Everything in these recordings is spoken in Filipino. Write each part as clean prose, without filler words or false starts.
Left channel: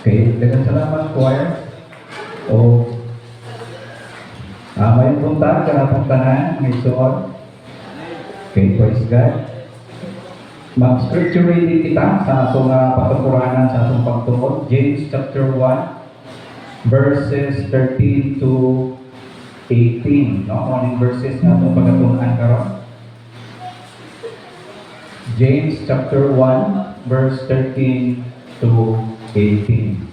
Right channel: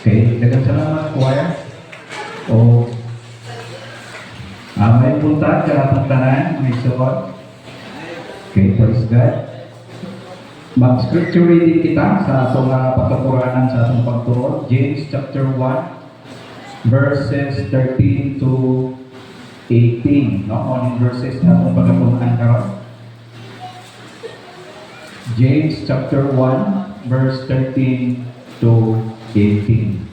Okay, daghang salamat choir. O may punta ka atong tanan, may suot. Okay, praise God. Mag-scripture reading kita sa atong patungkuranan sa atong pagtuon. James chapter 1 verses 13 to 18. No, morning verses na atong pagatunan karon. James chapter 1 verse 13 to 18.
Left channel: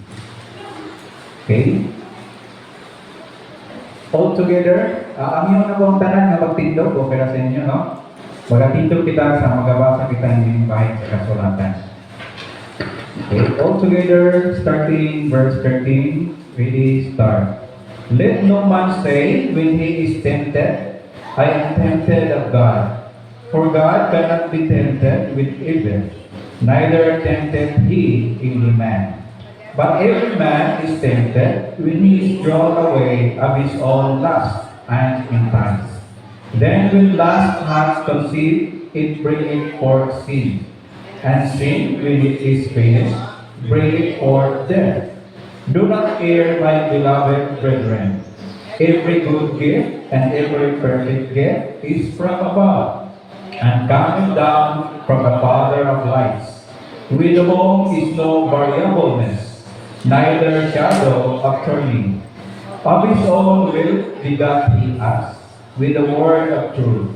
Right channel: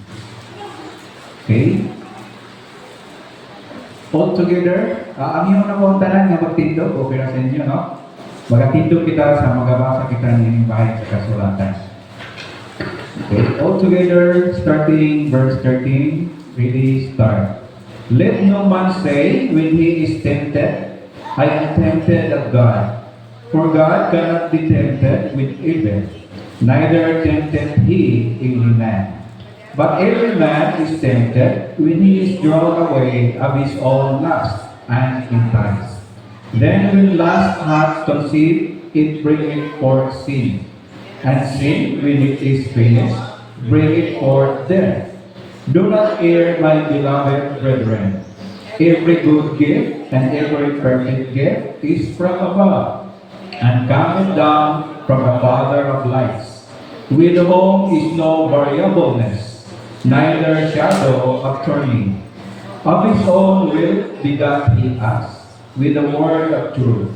Okay? All together, ang iyong mga tanan nga magtindog, okay na sa inyo, no? Magatindog kita sa magabasa kita ng bahay sa kasulatan. Okay, all together, starting verse 13, ready, start. Let no man say when he is tempted, I am tempted of God. For God cannot be tempted with evil, neither tempteth he any man. But every man is tempted when he is drawn away of his own lust and enticed. Then when lust hath conceived, it bringeth forth sin. And sin, when it is finished, bringeth forth death. Do not err, my beloved brethren. Every good gift and every perfect gift is from above, and coming down from the Father of lights, with whom is no variableness, neither shadow of turning. Of his own will begat he us, with the word of truth,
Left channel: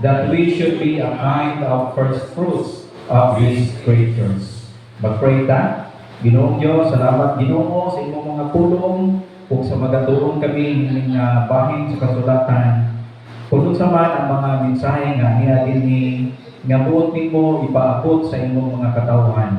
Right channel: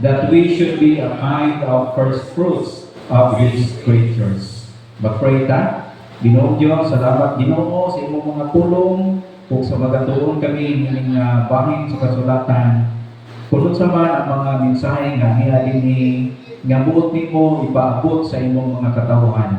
that we should be a kind of first fruits of his creatures. Mag-pray ta. Ginoo Diyos, salamat Ginoo sa imong mga pulong, kung sa magatuon kami ng bahin sa kasulatan. Kung sa man ang mga mensahe nga hinalin ni nga buot nimo ipaabot sa imong mga katawhan.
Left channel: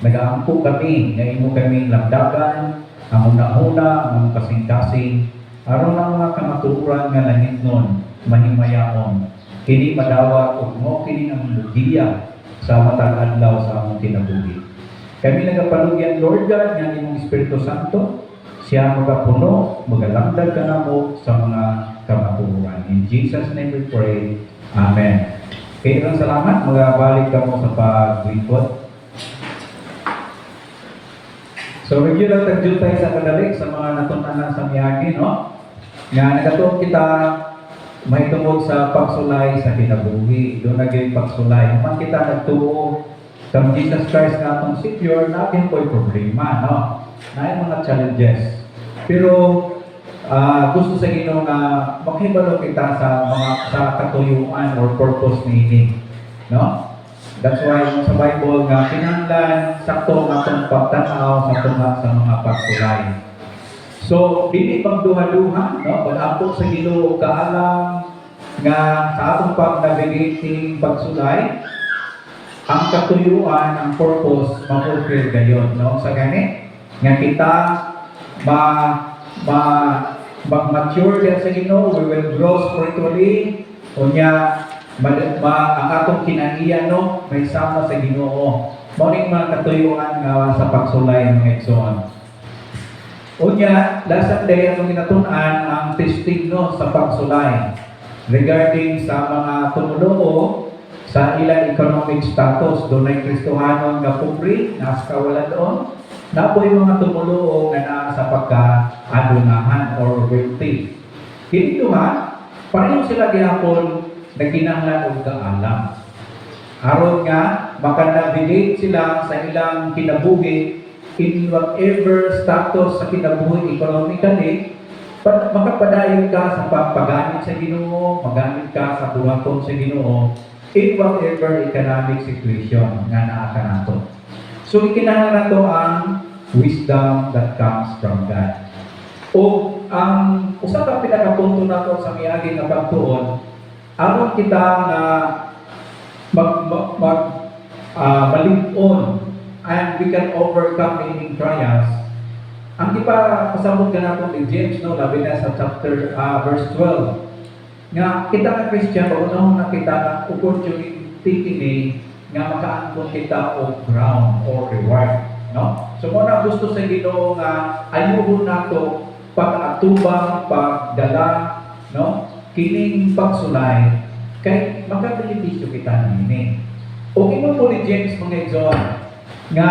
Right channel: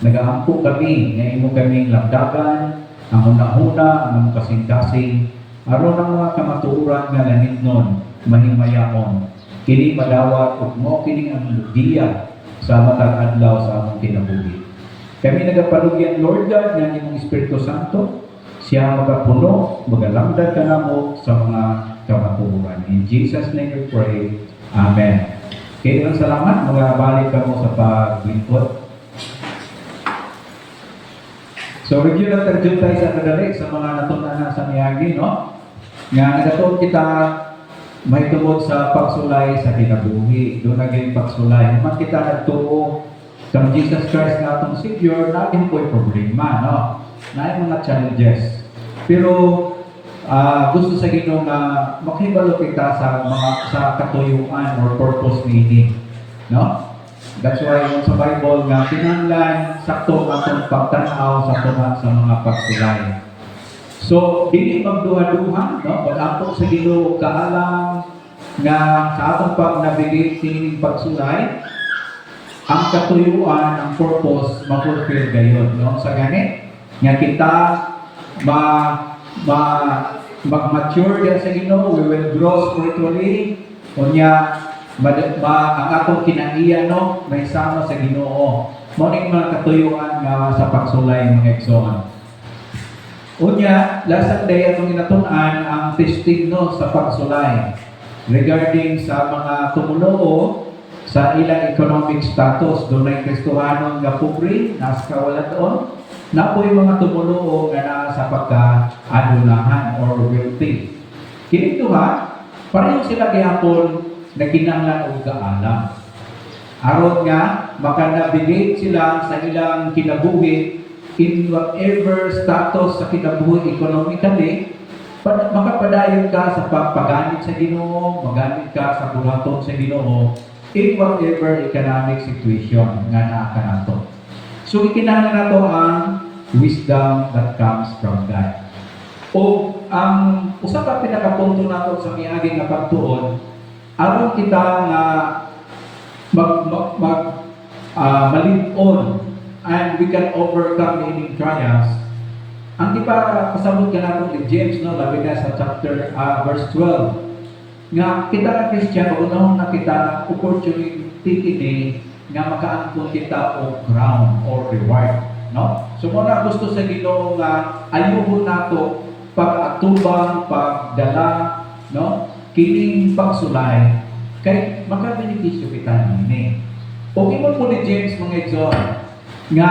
Nagaampo kami nga imo kaming lagdagan, ang una-una, ang kasing-kasing, aron ang mga kamatuoran nga nahitnon, mahimayaon. Kini madawat ug mo kini ang lugiya sa matag adlaw sa among kinabuhi. Kami nagapalugyan Lord God nga imong Espiritu Santo, siya magapuno, magalamdag kanamo sa mga kamatuoran. In Jesus' name we pray. Amen. Okay, salamat. Magabalik kamo sa paglingkod. So, review na tayo sa kadalik sa mga natuntanan sa miyagi, no? Nga nagatuon kita may tungod sa pagsulay sa kinabuhi. Doon naging pagsulay. Naman kita nagtuo sa Jesus Christ na atong Savior, natin po'y problema, no? Na mga challenges. Pero, gusto sa Ginoo nga makahibalo kita sa mga sa katuyuan or purpose meaning, no? That's why sa Bible nga kinahanglan sakto atong pagtanaw sa mga pagsulay. So dili magduha-duha, no? Pag-apo sa Ginoo kaalam nga sa atong pag-navigate sining pagsulay, ang katuyuan, ang purpose ma-fulfill gayon, no? Sa gani nga kita mag-mature yan sa Ginoo, we will grow spiritually, unya ang atong kinaiya, no, may sama sa Ginoo. Morning mga katuyuan nga sa pagsulay mga igsoon. Unya, last Sunday atong ginatunan ang testigno sa pagsulay regarding sa mga tumuluo sa ilang economic status. Doon ay Kristohanong nga pupri, nasa kawalan doon. Na po yung mga tumuluo nga na sa pagka-adunahan or wealthy. Kini naman, pareho sila gihapon na kinahanglan og kaalam. Aron nga makanavigate sila sa ilang kinabuhi in whatever status sa kinabuhi economically, makapadayon ka sa pagpagamit sa Ginoo, magamit ka sa buhaton sa Ginoo in whatever economic situation nga naa ka nato. So ikinahanglan nato ang wisdom that comes from God. O ang usa ka pinakapunto nato sa miagi nga pagtuon, aron kita nga malig-on and we can overcome any trials. Ang di pa kasabot ka natin ni James, no, labi na sa chapter verse 12, nga kita na Christian, unahon na kita na opportunity kini nga makaangkon kita o ground or reward, no? So muna gusto sa Ginoo nga ayuhon nato pag-atubang, pagdala, no? Kining pagsulay kay makabenepisyo kita nini. O imo po ni James mga igsoon nga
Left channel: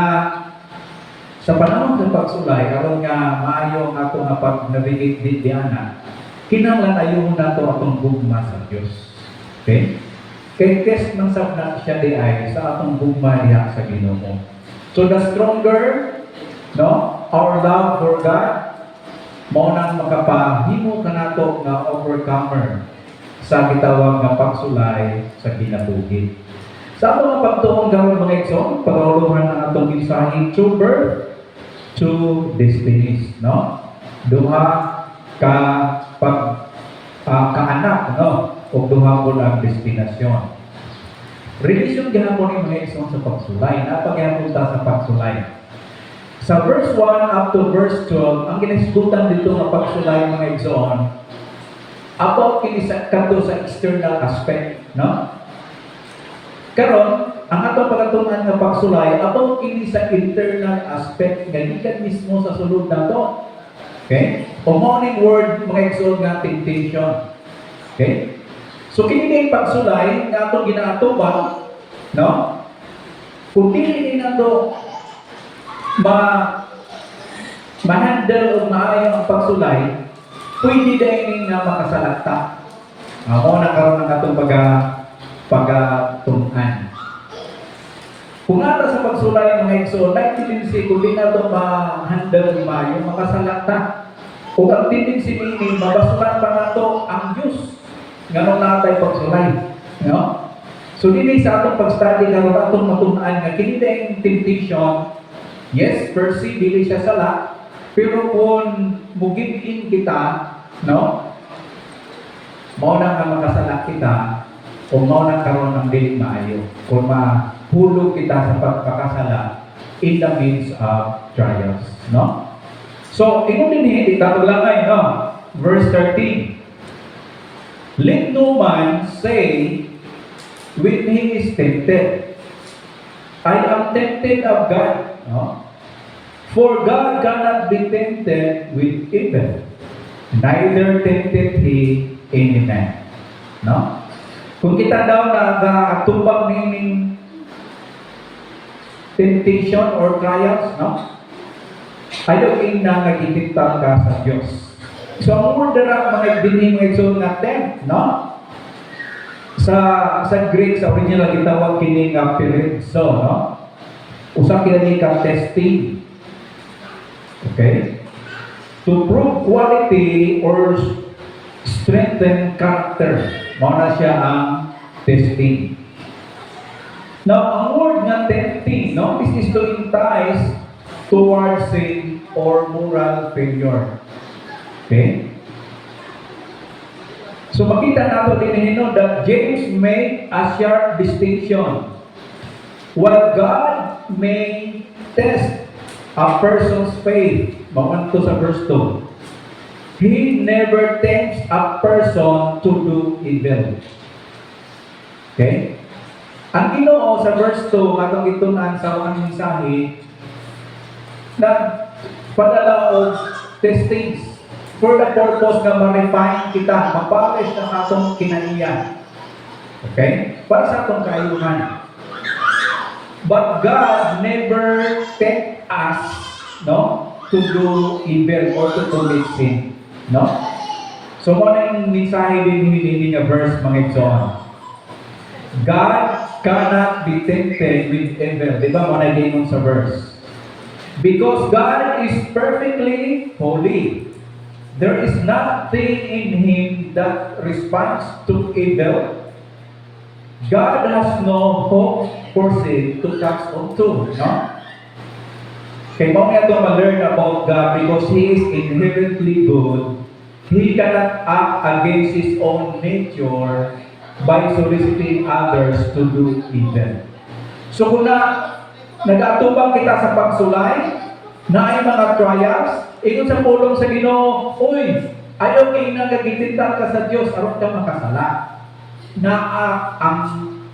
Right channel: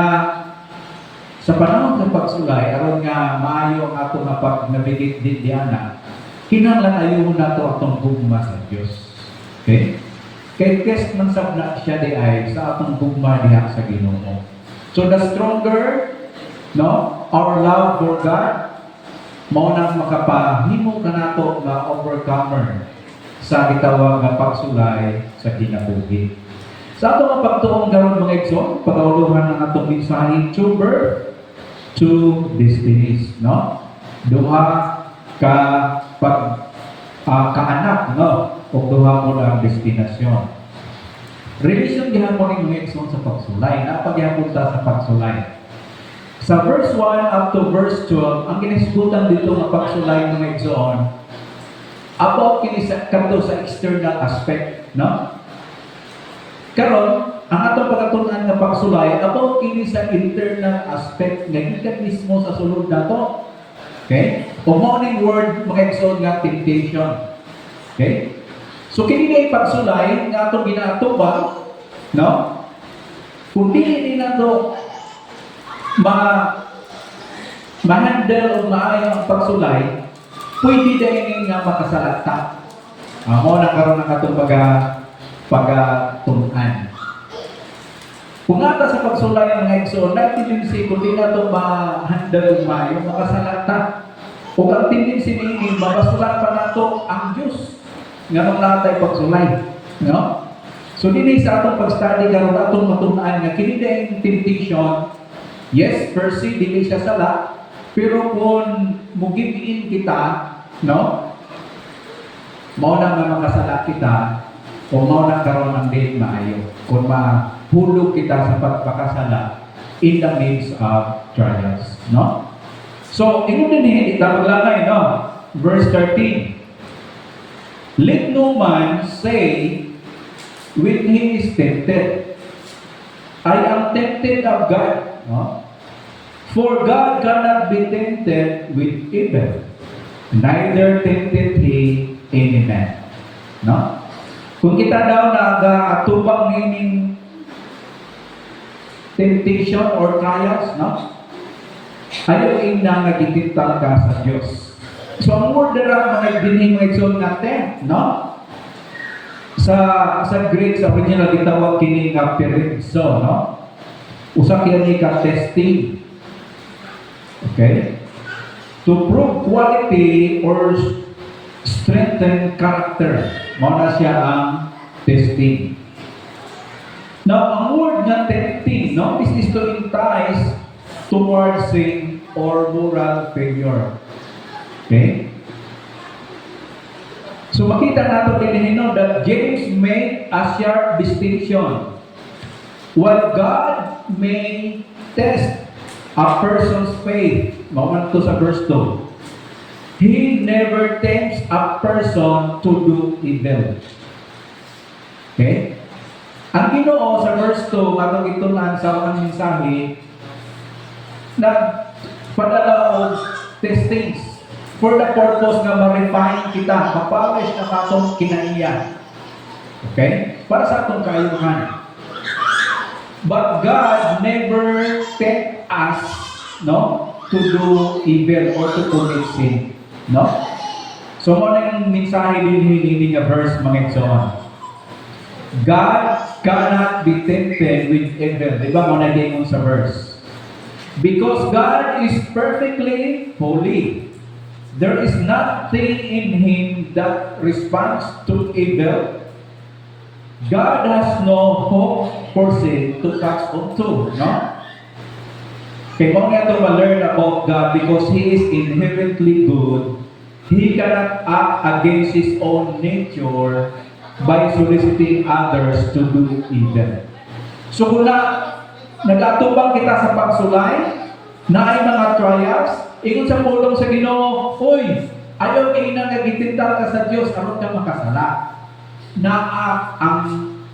Sa panahon ng pagsulay, aron nga maayo ang ato nga pag-navigate din diana, kinahanglan ayuhon nato atong gugma sa Dios. Okay? Kay test man sab na siya di ay sa atong gugma diha sa Ginoo. So the stronger, no, our love for God, mao nang makapahimo kanato nga overcomer sa gitawag nga pagsulay sa kinabuhi. Sa ato nga pagtuon karon mga igsoon, pag-auluhan ng atong mensahe, to birth, to destinies, no? Duha ka kaanak, no? O duha po ang destinasyon. Revision gihapon ni mga igsoon sa pagsulay. Napagihapon ta sa pagsulay. Sa verse 1 up to verse 12, ang ginisgutan dito ng pagsulay mga igsoon, about kini sa kanto sa external aspect, no? Karon, ang atong pagatunan nga pagsulay about kini sa internal aspect nga gikan mismo sa sulod nato. Okay? O morning word mga igsoon nga temptation. Okay? So kini kay pagsulay nga atong ginaatubang, no? Kung dili ni nato ma-handle o maayo ang pagsulay, pwede din nga makasalata. Ako na karon ng atong pagatunan. Kung ata sa pagsulay ng hekso, na tendency kung di na ito ma-handle maayo, makasalata. Kung ang tendency nini, mabasulan pa na ito ang Diyos. Ganun na tayo pagsulay. No? So, dili sa atong pag-study karon atong matunan nga kini yung temptation. Yes, per se, dili siya sala. Pero kung mugibin kita, no? Mao na nga makasala kita, o mao na karon ang dili maayo. Kung mahulog kita sa pagkakasala in the midst of trials, no? So, ino din hindi tapaglangay, no? Verse 13. Let no man say when he is tempted, I am tempted of God, no? For God cannot be tempted with evil, neither tempted He any man. No? Kung kita daw tubang meaning temptation or trials, no? Ayaw na nagkikita ka sa Diyos. So, ang word na mga binhing mga igsoon nga tempt, no? Sa Greek, sa original, gitawag kini nga perizzo, no? Usa kini ka testing. Okay? To prove quality or strengthen character. Mao na siya ang testing. Now, ang word nga tempting, no? This is to entice towards sin or moral failure. Okay? So, makita nato din that James made a sharp distinction. While God may test a person's faith, mauman to sa verse 2, He never tempts a person to do evil. Okay? Ang Ginoo sa verse 2, atong itunan sa unang mensahe, na padala og testings for the purpose nga ma-refine kita, ma-polish na atong kinaiya. Okay? Para sa atong kaayuhan. But God never tempt us, no, to do evil or to commit sin, no? So, muna yung mensahe din hindi nga verse mga igsoon. God cannot be tempted with evil. Di ba muna din sa verse? Because God is perfectly holy. There is nothing in Him that responds to evil. God has no hope for sin to catch on to, no? Kaya mo nga ito ma-learn about God because He is inherently good. He cannot act against His own nature by soliciting others to do evil. So kung nag-atubang kita sa pagsulay, na ay mga trials, ikot sa pulong sa Ginoo, uy, ayaw kayo na nagitintal ka sa Diyos, aron ka makasala. Na ang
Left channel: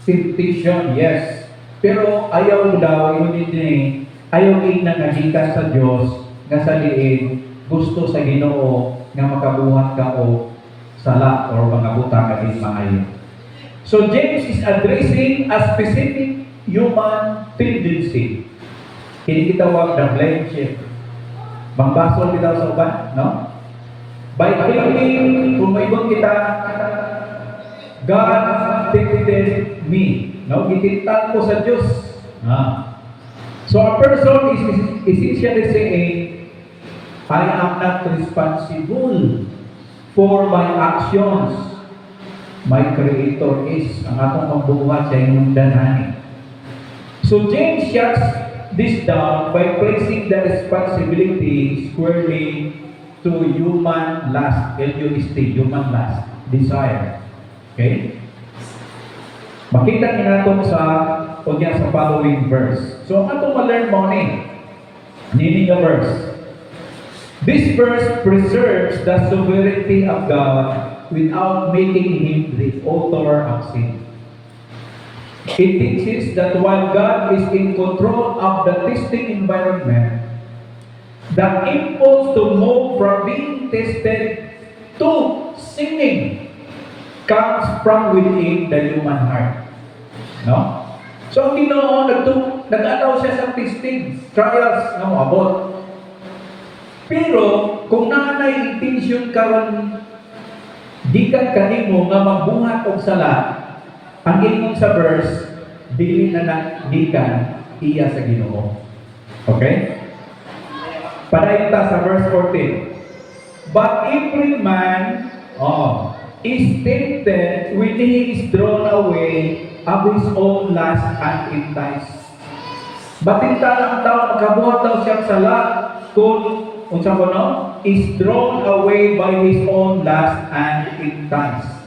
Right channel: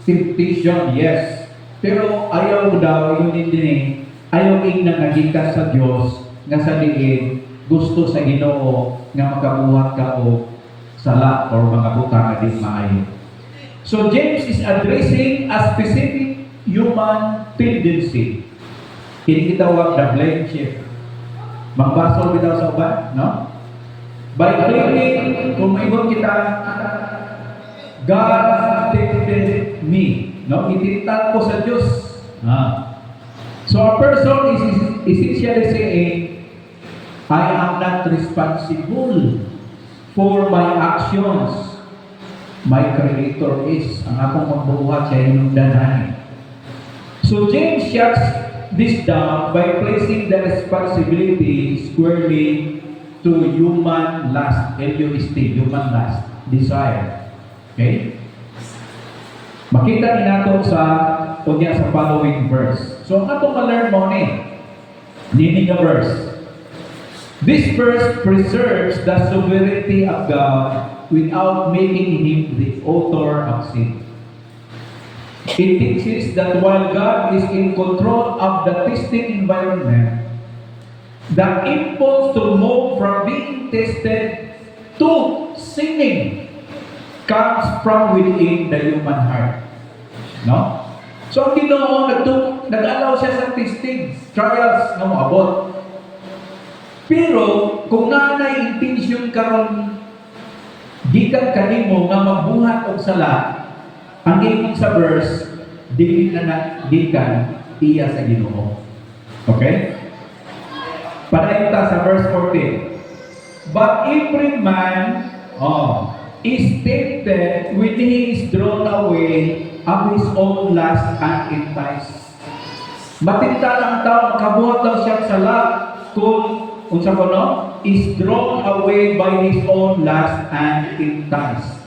temptation, yes. Pero ayaw daw, yun hindi, ayaw kayo na nagita sa Diyos, nga sa liin, gusto sa Ginoo, nga makabuhat ka o sala or mga butang na din maayo. So James is addressing a specific human tendency. Kini kita wag the blame shift. Magbasol kita sa uban, no? By claiming, kung mayroon kita, God tempted me. No? Itintal ko sa Diyos. So a person is essentially saying, I am not responsible for my actions. My Creator is. Ang akong magbuhat siya yung danhanin. So James shuts this down by placing the responsibility squarely to human lust, L-U-S-T, human lust, desire. Okay? Makita ni nato sa following verse. So, ang atong ma-learn mo ni nga verse. This verse preserves the sovereignty of God without making Him the author of sin. It teaches that while God is in control of the testing environment, the impulse to move from being tested to sinning comes from within the human heart. No? So, ang Ginoo nag-allow siya sa testing, trials, no, abot. Pero, kung nanay intention karon gikan kanimo nga magbuhat og sala, ang ingon sa verse, dili na gikan iya sa Ginoo. Okay? Padayon ta sa verse 14. But every man is tempted when he is drawn away of his own lust and enticed. Matinta ang tao, kabuhat daw siya sala kung unsa ko no, is drawn away by his own lust and enticed.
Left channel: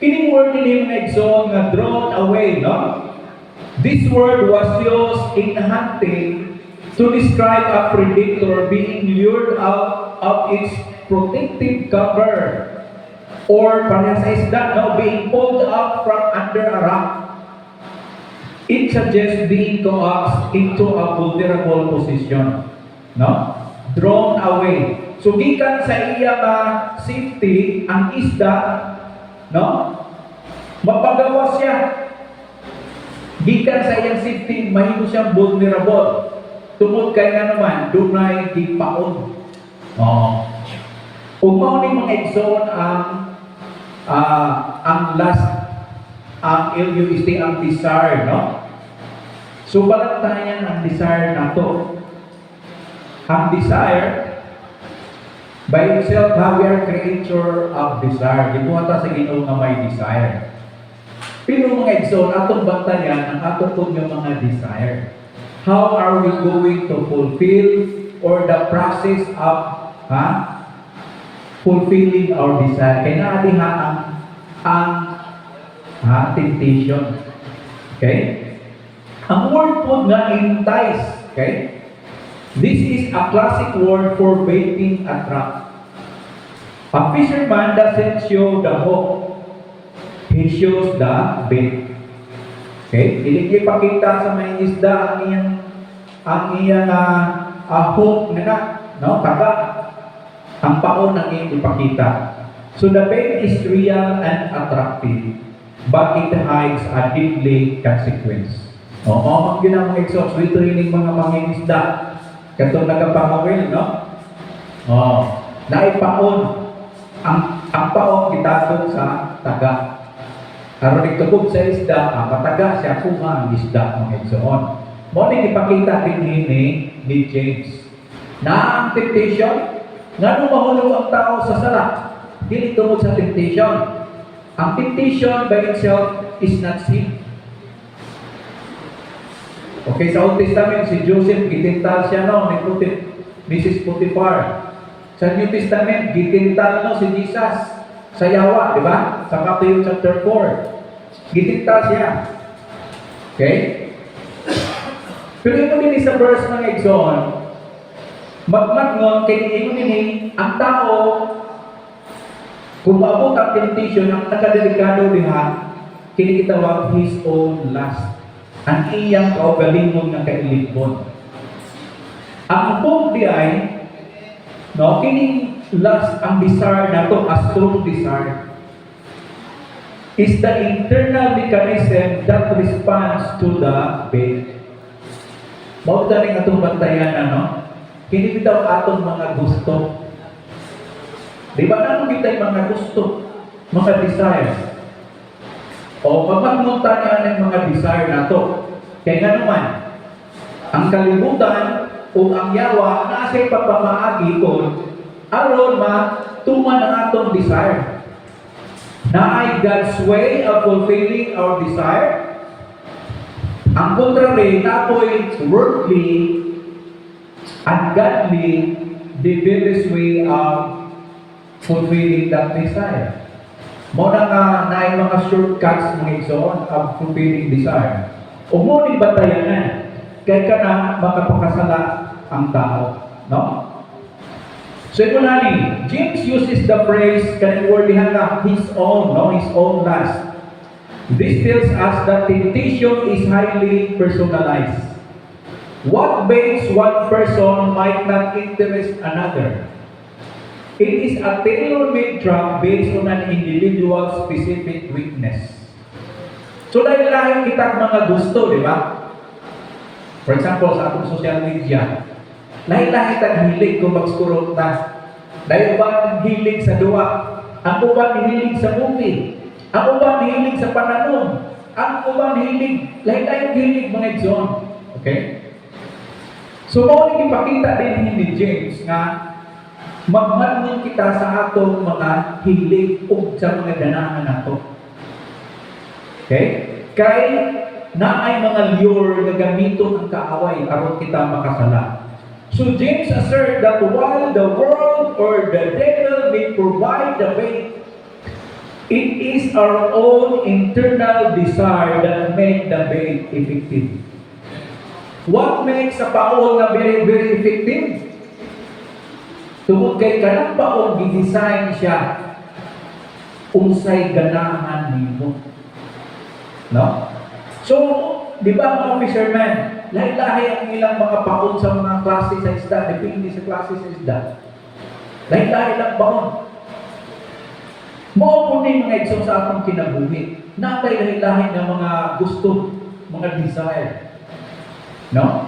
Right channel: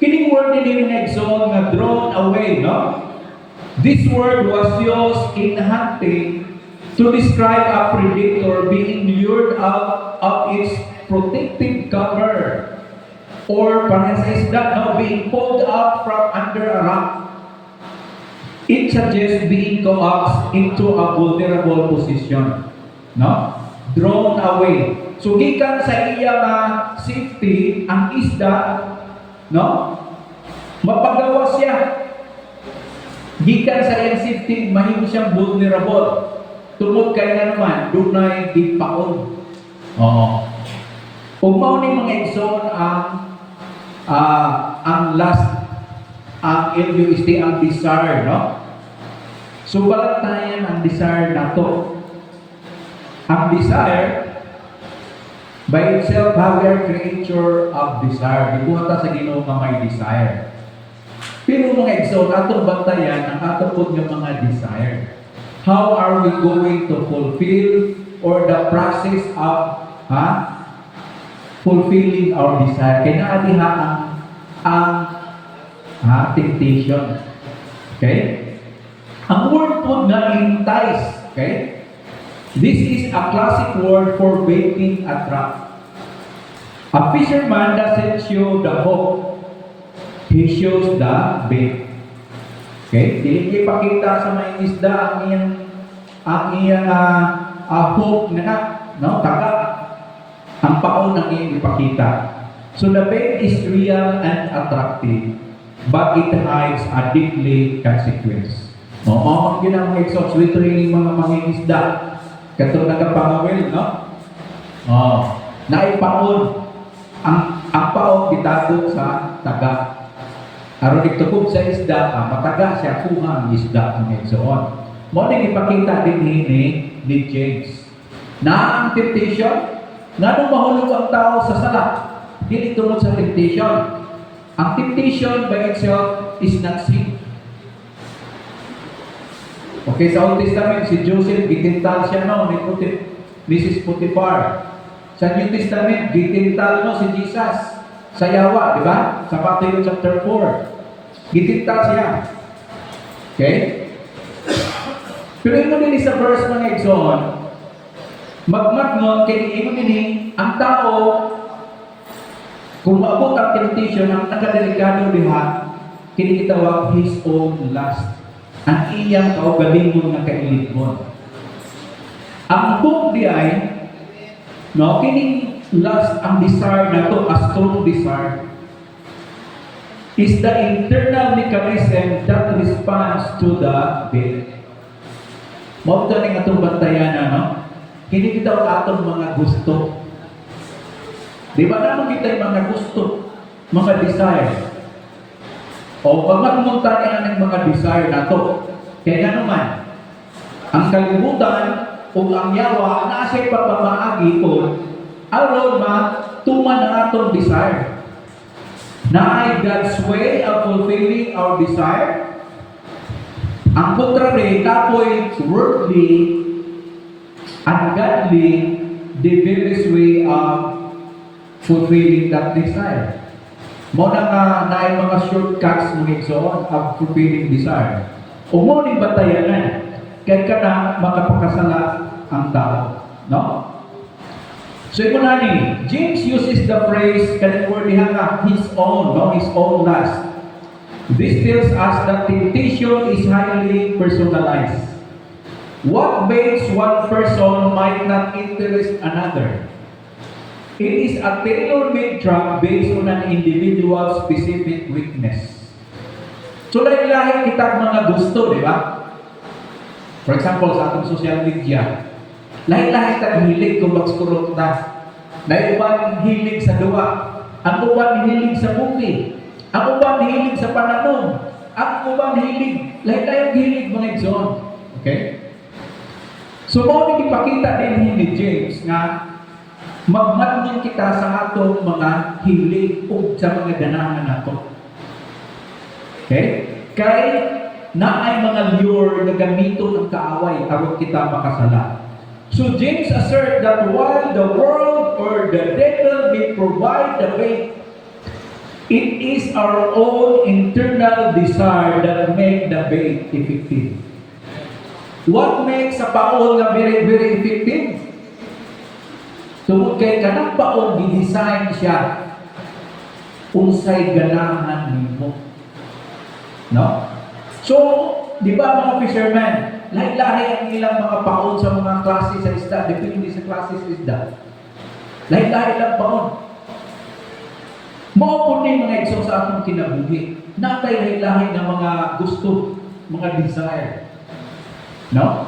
Kining word din yung exon nga drawn away, no? This word was used in hunting to describe a predator being lured out of its protective cover, or parehas sa isda, no, being pulled out from under a rock. It suggests being coaxed into a vulnerable position, no? Drawn away. So gikan sa iya nga safety ang isda, no? Mapagawas siya. Gikan sa iyang safety, mahimo siyang vulnerable. Tungod kay na naman, dunay gipaon. Kung mao ni mga exon ang last, ang LUST, ang desire, no? So balatayan ang desire nato. Ang desire, by itself, we are creature of desire. Gibuhat sa Ginoo nga may desire. Pero mga exon, atong bantayan ang atong pud nga mga desire. How are we going to fulfill or the process of fulfilling our desire? Kaya naadiha ang temptation. Okay? Ang word po nga entice. Okay? This is a classic word for baiting a trap. A fisherman doesn't show the hook. He shows the bait. Okay? Dili ipakita sa may isda ang iyang hook na, no? Taga. Ang paon ang iyang ipakita. So the bait is real and attractive, but it hides a deeply consequence. Yun ang mga exhaust. We training mga mangingisda. Kato nagapangawil, no? Naipaon. Ang paon gitabog sa taga. Aron nagtubog sa isda, mataga siya kuha ang isda ng exhaust. Mo ning ipakita din ni James. Na ang temptation, nga nung mahulog ang tao sa sala, dili tungod sa temptation. Ang temptation by itself is not sin. Okay, sa Old Testament, si Joseph, gitintal siya, no, ni Mrs. Potiphar. Sa New Testament, gitintal, no, si Jesus sa Yawa, di ba? Sa Matthew chapter 4. Gitintal siya. Okay? Pero ito din sa verse mga exon, magmatngon, kaya ito din, ang tao, kung maabot ang temptation, ang nakadelikado diha, kinitawag his own lust. Ang iyang kaugalingon na kailipon. Ang book di ay, no, kining lust, ang desire na to, a strong desire, is the internal mechanism that responds to the bait. Mao ning atong bantayan ano. Hindi bitaw atong mga gusto. Di ba naman kita yung mga gusto, mga desire. O pagmamunta niya ng mga desire na to. Kaya nga naman, ang kalibutan o ang yawa na siya'y pagpamaagi ko, aron matuman ang atong desire. Na ay God's way of fulfilling our desire. Ang contrary, tapoy worldly, ungodly, devious way of fulfilling that desire. Mo na nga na mga shortcuts mga igsoon of fulfilling desire. O mo ni batayanan, kaya ka na makapakasala ang tao. No? So ito na ni, James uses the phrase, kaya word nga, his own, no? His own lust. This tells us that temptation is highly personalized. What makes one person might not interest another. It is a tailor-made trap based on an individual's specific weakness. So, lahi-lahi kita mga gusto, di ba? For example, sa atong social media, lahi-lahi kita hilig kung mag-scroll ta. Lahi-uban hilig sa duwa. Ang uban hilig sa movie. Ang uban hilig sa pananon. Ang uban hilig. Lahi-lahi hilig mga igsoon. Okay? So, mao ipakita din ni James nga magmanong kita sa atong mga hilig o sa mga ganahan nato. Okay? Kay na ay mga lure na gamiton ang kaaway aron kita makasala. So James assert that while the world or the devil may provide the way, it is our own internal desire that make the bait effective. What makes a paol na very, very effective? Tungkol kay kanang paol, gidesign siya unsay ganahan nimo. No? So, di ba mga fishermen, lahi-lahi ang ilang mga paol sa mga klase sa isda, depende sa klase sa isda. Lahi-lahi lang paol. Mao po ni mga igsoon sa atong kinabuhi. Natay lahi-lahi na mga gusto, mga desire. No?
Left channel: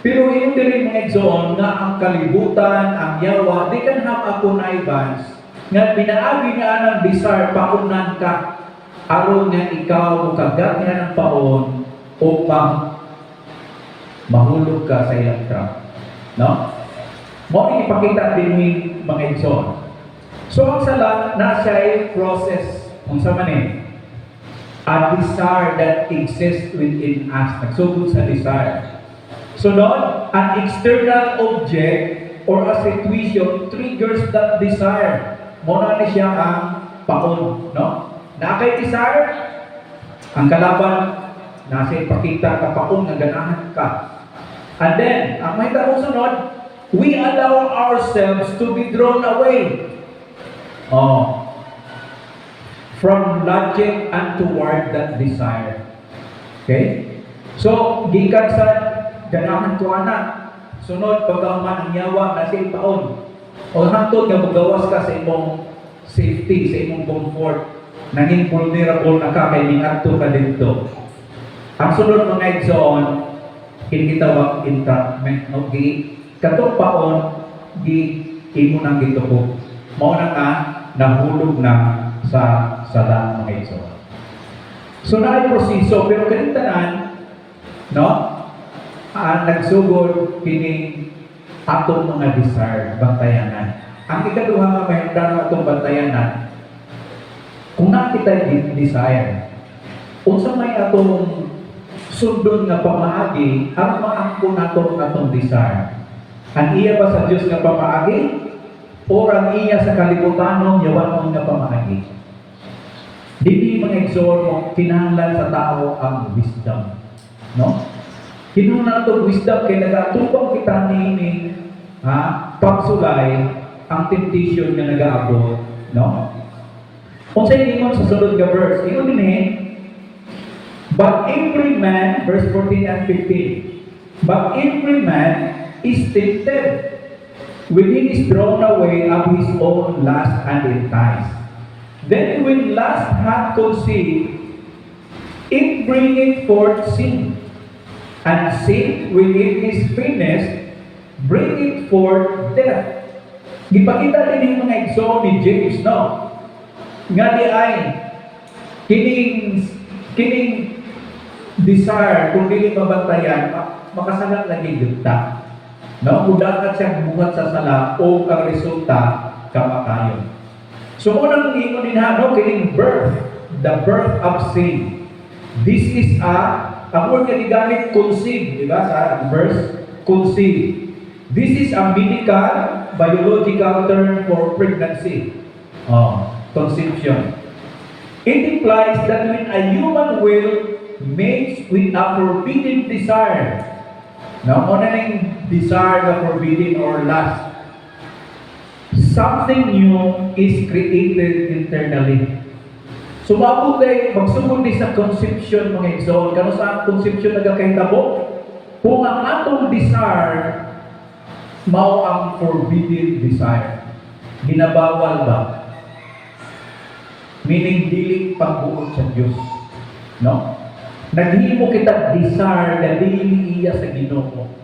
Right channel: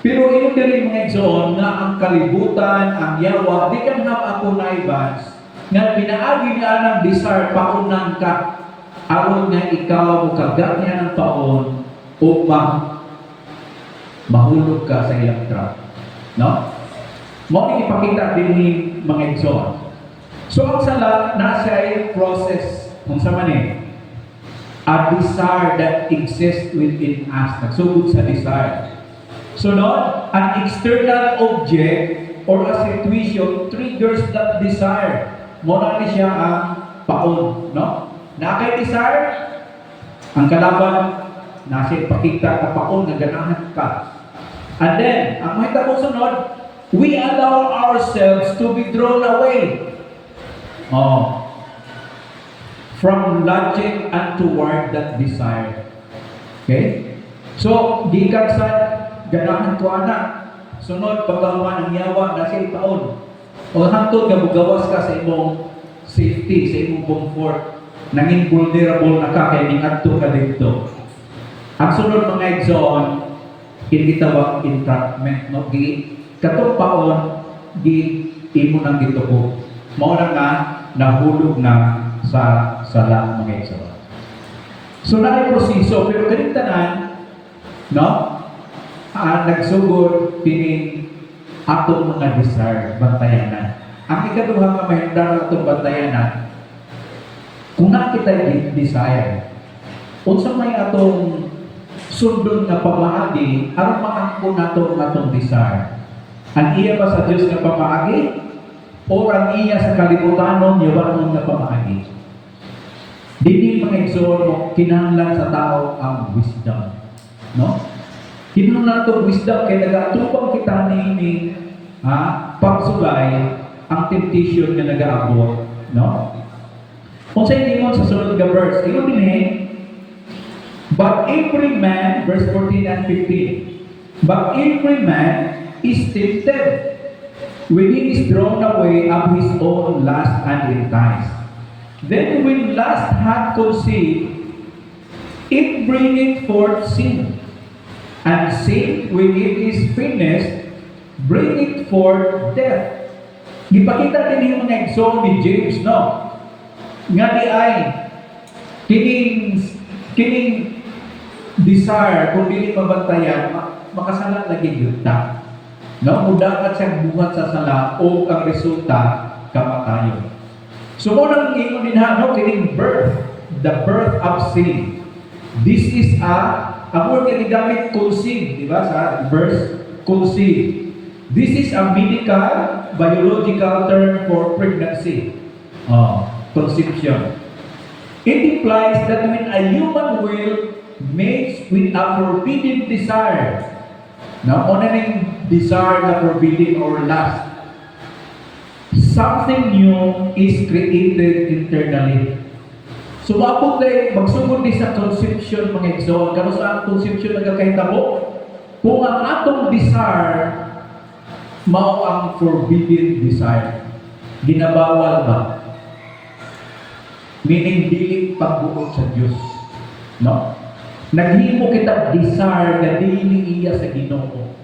Pero yung diri mga igsoon na ang kalibutan, ang yawa, di kan have a connivance nga pinaagi nga ang desire paunan ka aron nga ikaw mukagat niya ng paon upang mahulog ka sa ilang trap. No? Mao ipakita din ni mga igsoon. So ang sala na siya ay process unsa man a desire that exists within us. Nagsugod sa desire. So Lord, an external object or a situation triggers that desire. Muna ni siya ang paon, no? Nakay desire, ang kalaban, nasa ipakita ka paon nga ganahan ka. And then, ang may tapong sunod, we allow ourselves to be drawn away. From logic and toward that desire. Okay? So, gikan sa ganahan ko anak. Sunod, pagkaman ang yawa na siya taon. O hantod nga magawas ka sa imong safety, sa imong comfort. Nanging vulnerable na ka kay ningadto ka dito. Ang sunod mga igsoon, kinitawag entrapment. No? Katong paon, imo nang gituko. Mao na nga, nahulog na sa sala mga igsoon. So, na proseso, pero kanitanan, no? Nagsugod kini atong mga desire, bantayanan. Ang ikaduha nga mahimdan atong bantayanan, kung nakita desire, unsa may atong sundon nga pamaagi, aron maangkon nato atong desire. Ang iya ba sa Dios nga pamaagi o ang iya sa kalibutanon yawan nga pamaagi? Dili mga igsoon kinahanglan sa tao ang wisdom, no? Kinahanglan itong wisdom kaya nagatubang kita ni pagsulay ang temptation nga nag-aabot, no? Kung sa ingon sa sulod nga verse, iyon din but every man, verse 14 and 15, but every man is tempted when he is drawn away of his own lust and enticed. Then when lust hath conceived, it bringeth forth sin. And sin, when it is finished, bring it forth death. Gipakita din yung mga exo ni James, no? Nga di ay, kining desire, kung dili mabantayan, makasalat lagi yunta. No? Mudakat siya buhat sa sala o ang resulta, kamatayon. So, unang ingon din no? Kining birth, the birth of sin. This is ang word na gigamit, conceive, di ba? Sa verse, conceive. This is a medical, biological term for pregnancy. Conception. It implies that when a human will mates with a forbidden desire, now, ano yung desire na forbidden or lust? Something new is created internally. So, magsugod din sa conception, mga igsoon. Kano sa conception nagkakahitabo? Kung ang atong desire, mao ang forbidden desire. Ginabawal ba? Meaning, dili pagbuot sa Diyos. No? Naghimo kita desire na dili iya sa Ginoo.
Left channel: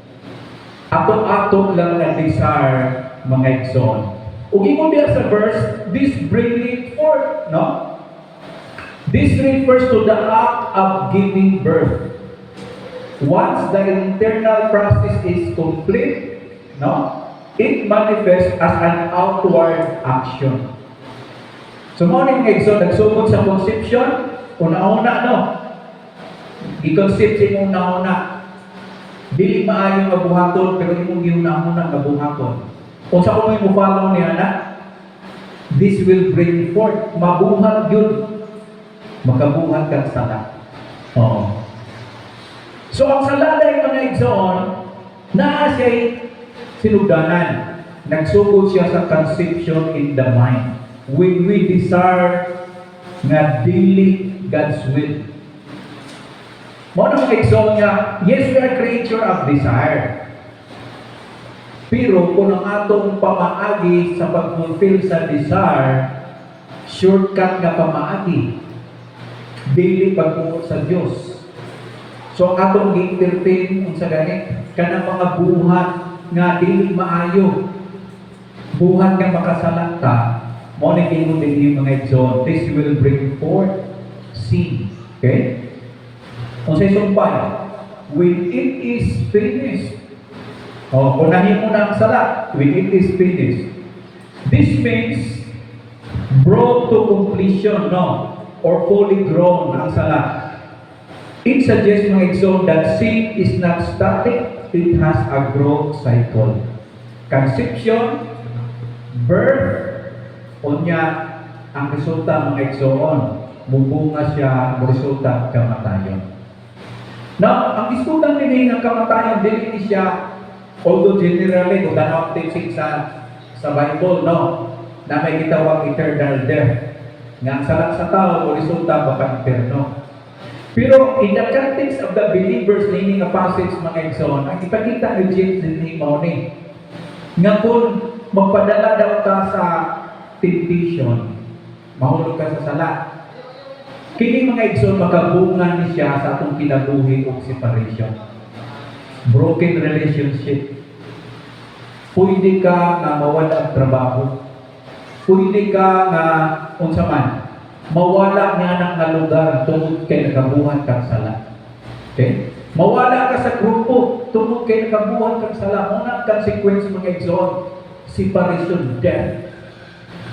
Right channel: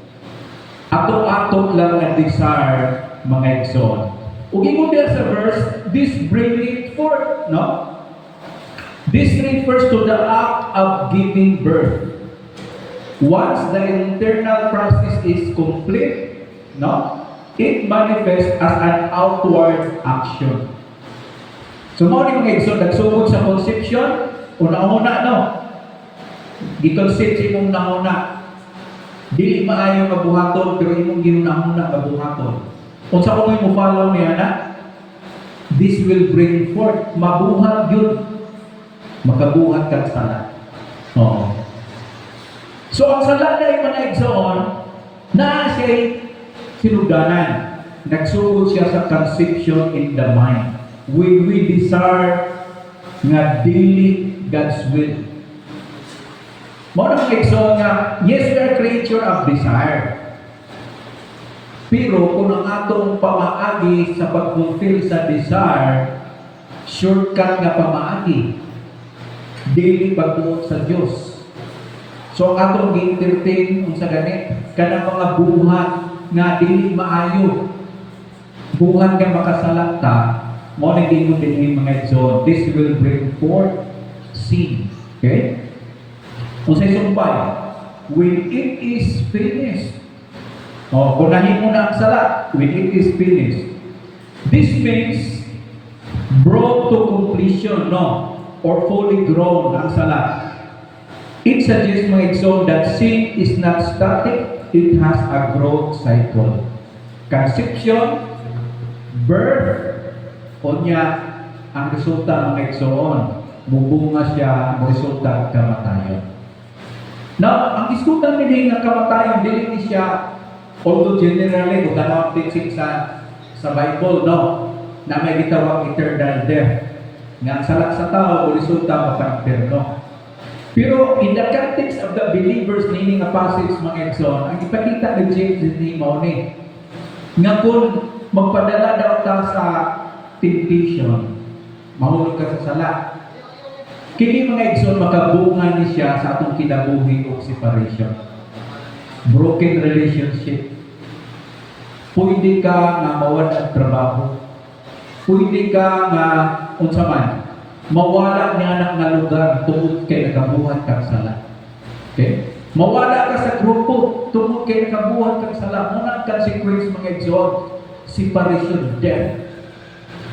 Ato-ato lang na desire, mga igsoon. Ug ingon diha sa verse, this bring it forth, no? This refers to the act of giving birth. Once the internal process is complete, no, it manifests as an outward action. So, morning ngayon, nagsugod sa conception, una-una, no? Gi-concept sa imong una-una. Dili maayo mabuhaton, pero imong giuna-una mabuhaton. Kung sa kung mo follow niya na, this will bring forth, mabuhat yun. Makabuhat kang sala. Oo. So, ang sala na yung mga igsoon, na siya'y sinugdanan. Nagsugod siya sa conception in the mind. When we desire nga dili God's will. Mga mga igsoon niya, yes, we are creature of desire. Pero kung ang atong pamaagi sa pag-fulfill sa desire, shortcut nga pamaagi, dili pagbuot sa Diyos. So ang atong gi-entertain kung sa ganit, kanang mga buhat nga dili maayo, buhat nga makasalakta, mo nag-ingon din yung mga igsoon, this will bring forth sin. Okay? Kung sa sumpay, when it is finished, kung nahimo na ang sala, when it is finished, this means brought to completion, no? Or fully grown ang sala. It suggests mga igsoon that sin is not static, it has a growth cycle. Conception, birth, unya, ang resulta mga igsoon, mubunga siya, resulta kamatayon. Now, ang diskutan nila ng kamatayon, dili ni siya, although generally, kung ganang teaching sa Bible, no, na may gitawag eternal death. Nga salat sa tao, o resulta mapaniterno. Pero in the context of the believers, meaning a passage mga igsoon, ang ipakita ni James ni Mauni, nga kung magpadala daw ka sa temptation, mahulog ka sa sala, kini mga igsoon makabunga ni siya sa atong kinabuhi o separation. Broken relationship. Pwede ka nga mawala ang trabaho. Pwede ka nga unsa man mawala ni anak na lugar tungod kay nakabuhat kang sala. Okay? Mawala ka sa grupo tungod kay nakabuhat kang sala. Muna ang consequence mga igsoon, separation, death.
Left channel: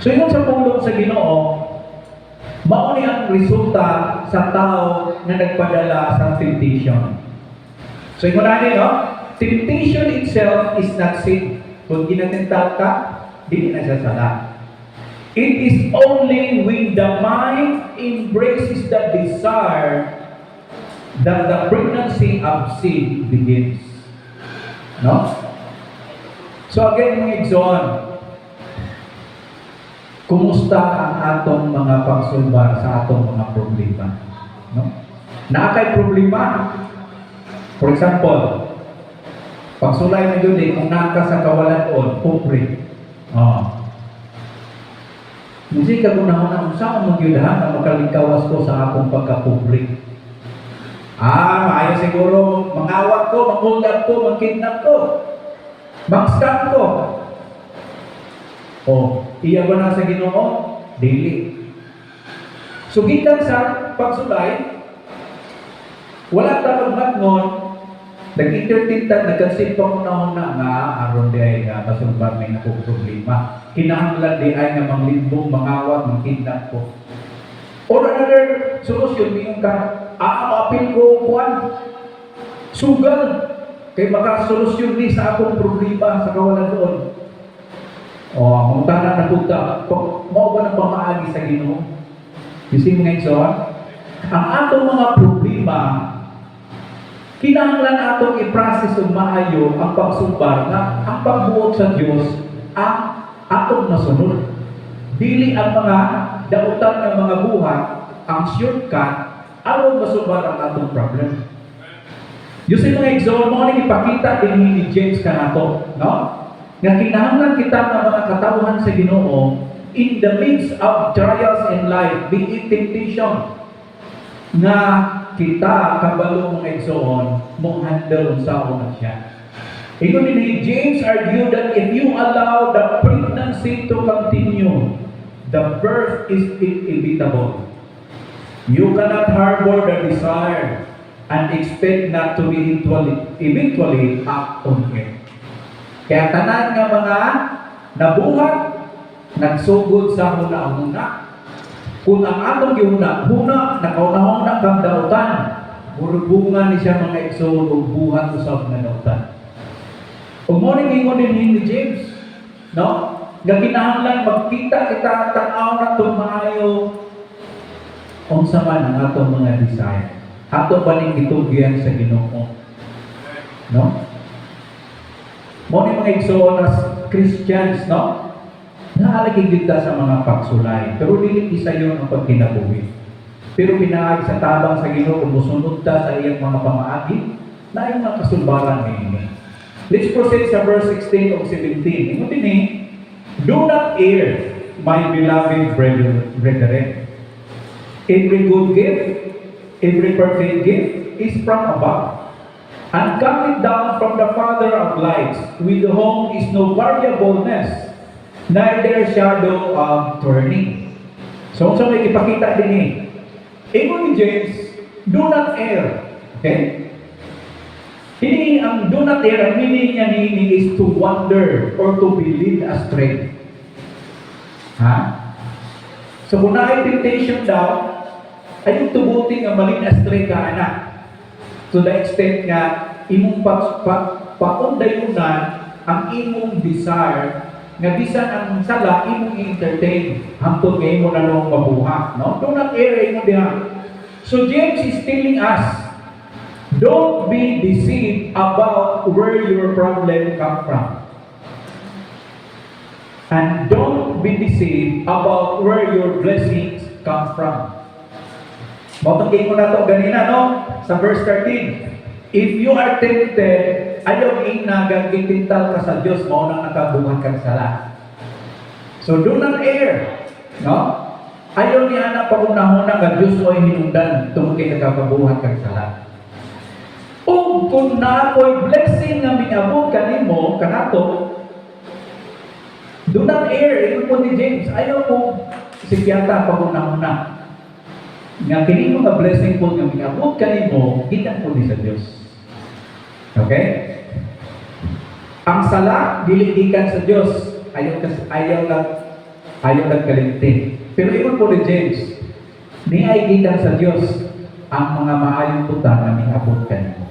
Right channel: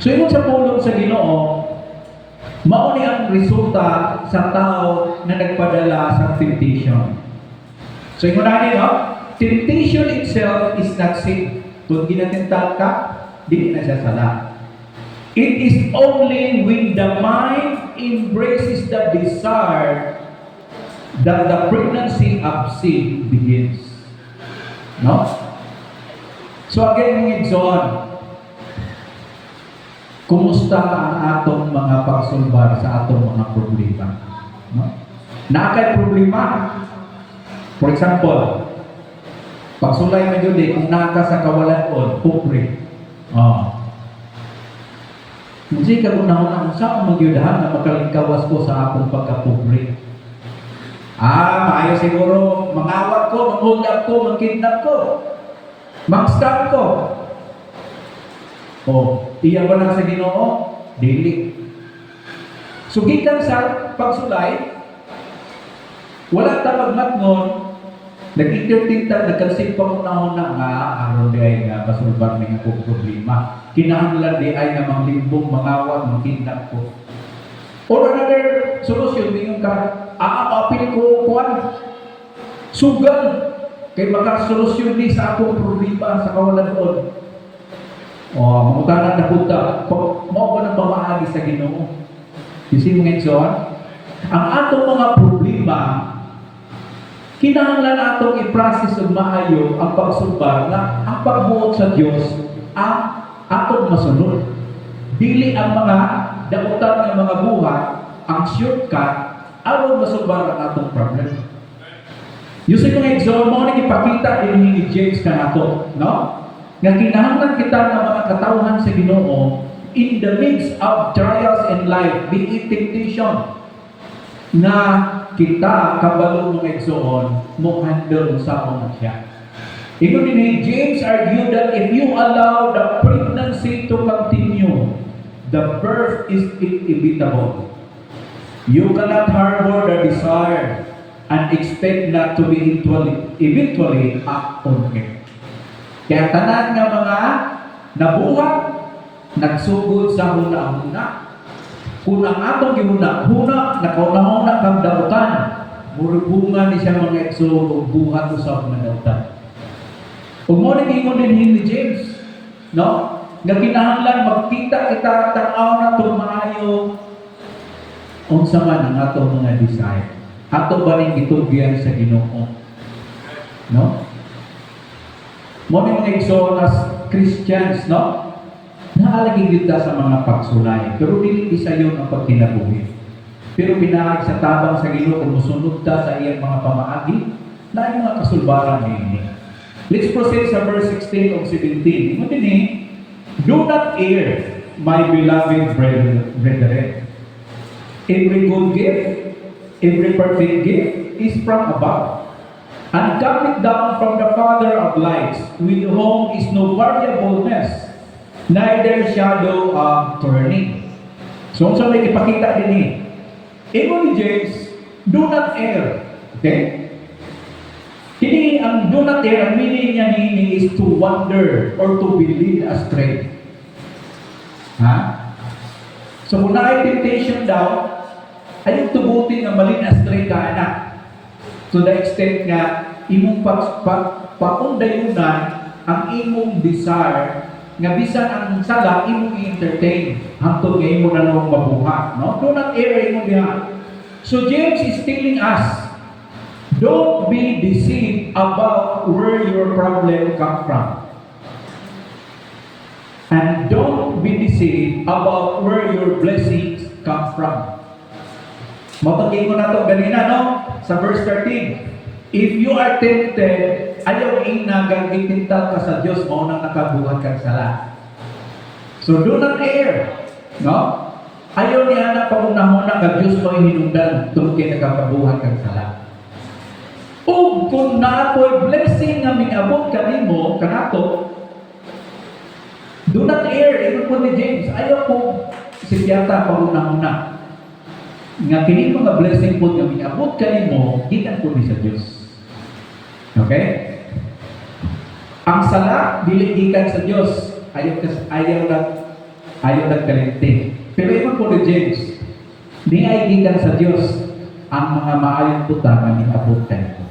So yun sa pulong sa Ginoo, mao ni ang resulta sa tao na nagpadala sa temptation. So yun natin, no? Temptation itself is not sin. Kung ginatintal ka, di na siya sala. It is only when the mind embraces the desire that the pregnancy of sin begins. No? So again, mga igsoon, kumusta ang atong mga pagsulbar sa atong mga problema? No? Naakay problema. For example, pagsulay mo yun kung naka sa kawalan-on, pobre. Hindi ka kung naman saan magyudahan na makalingkawas ko sa akong pagkapobre. Maayo siguro, mangawat ko, manghold up ko, mangkidnap ko, mag-scam ko. O, iya ko na sa Ginoo, dili. So, gikan sa pagsulay, wala ta magmatngon, nag-entertain ta, nagkansip pa muna nga, aron di ay nga, masulbang may akong problema. Kinahanglan di ay nga manglimbong, mangawat, mangkidnap ko. Or another solution, yung aapil ko, kuwan, sugal, kay baka solusyon ni sa akong problema sa kawalan doon. O, mamutanan na punta, mo ba ng pamaagi sa Ginoo? You see mga igsoon? Ang atong mga problema, kinahanglan atong i-process o maayo ang pagsumbar na ang pagbuot sa Diyos ang atong masunod. Dili ang mga dautan ng mga buhat, ang shortcut, aron masumbar ang atong problem. You see mga igsoon, mo nang ipakita ni James kanato, no? Nga kinahanglan kita ng mga katawhan sa Ginoo in the midst of trials in life, be it temptation, na kita kabalo mga igsoon mo handle sa mga siya. Ingon ni James argued that if you allow the pregnancy to continue, the birth is inevitable. You cannot harbor the desire and expect not to be eventually act on it. Kaya tanan nga mga nabuhat, nagsugod sa huna-huna. Kung ang atong gihuna-huna, nakauna-huna kang dautan, murubungan ni siya mga igsoon o buhat sa mga dautan. Kung mo rin ingon din ni James, no? Nga kinahanglan magkita kita tanaw na tumayo unsa man ang atong mga desire. Ato ba ning gitugyan sa Ginoo? No? Mo ni mga igsoon as Christians, no? Naalagin kita sa mga pagsulay, pero dili isa yun ang pagkinabuhi. Pero pinaag sa tabang sa Ginoo kung musunod ta sa iyang mga pamaagi, na yung mga kasulbaran ni. Let's proceed sa verse 16 of 17. Ito din do not err, my beloved brethren. Every good gift, every perfect gift is from above, and coming down from the Father of lights, with whom is no variableness, neither shadow of turning. So, may ipakita din Ingon ni James, do not err. Okay? Kini ang do not err, ang meaning niya ni is to wander or to be led astray. Ha? So, kung na temptation daw, ay tubuting ang malid astray ka anak. To the extent nga, imong paundayunan ang imong desire nga bisan ang sala imong i-entertain hangtod nga imo na nang mabuhat, no? Do not err imong diha. So James is telling us, don't be deceived about where your problem come from. And don't be deceived about where your blessings come from. Matagay ko na ito ganina, no? Sa verse 13. If you are tempted, ayaw inagagitintal ka sa Diyos, maunang nakabuhat kang sala. So do not err. No? Ayaw niya na paunahuna ka Diyos mo hinundan tungkol nakabuhat kang sala. O kung na ako'y blessing na minabot kanimo, kanato, do not err. Ito po ni James. Ayaw po si Piyata paunahuna. Nga kini mga blessing po nga minabot kanimo, gikan po ni sa Diyos. Okay? Ang sala dili gikan sa Diyos, ayaw lang kalimti. Pero iyon po ni James, ni ay gikan sa Diyos ang mga maayong puta na minabot kanimo.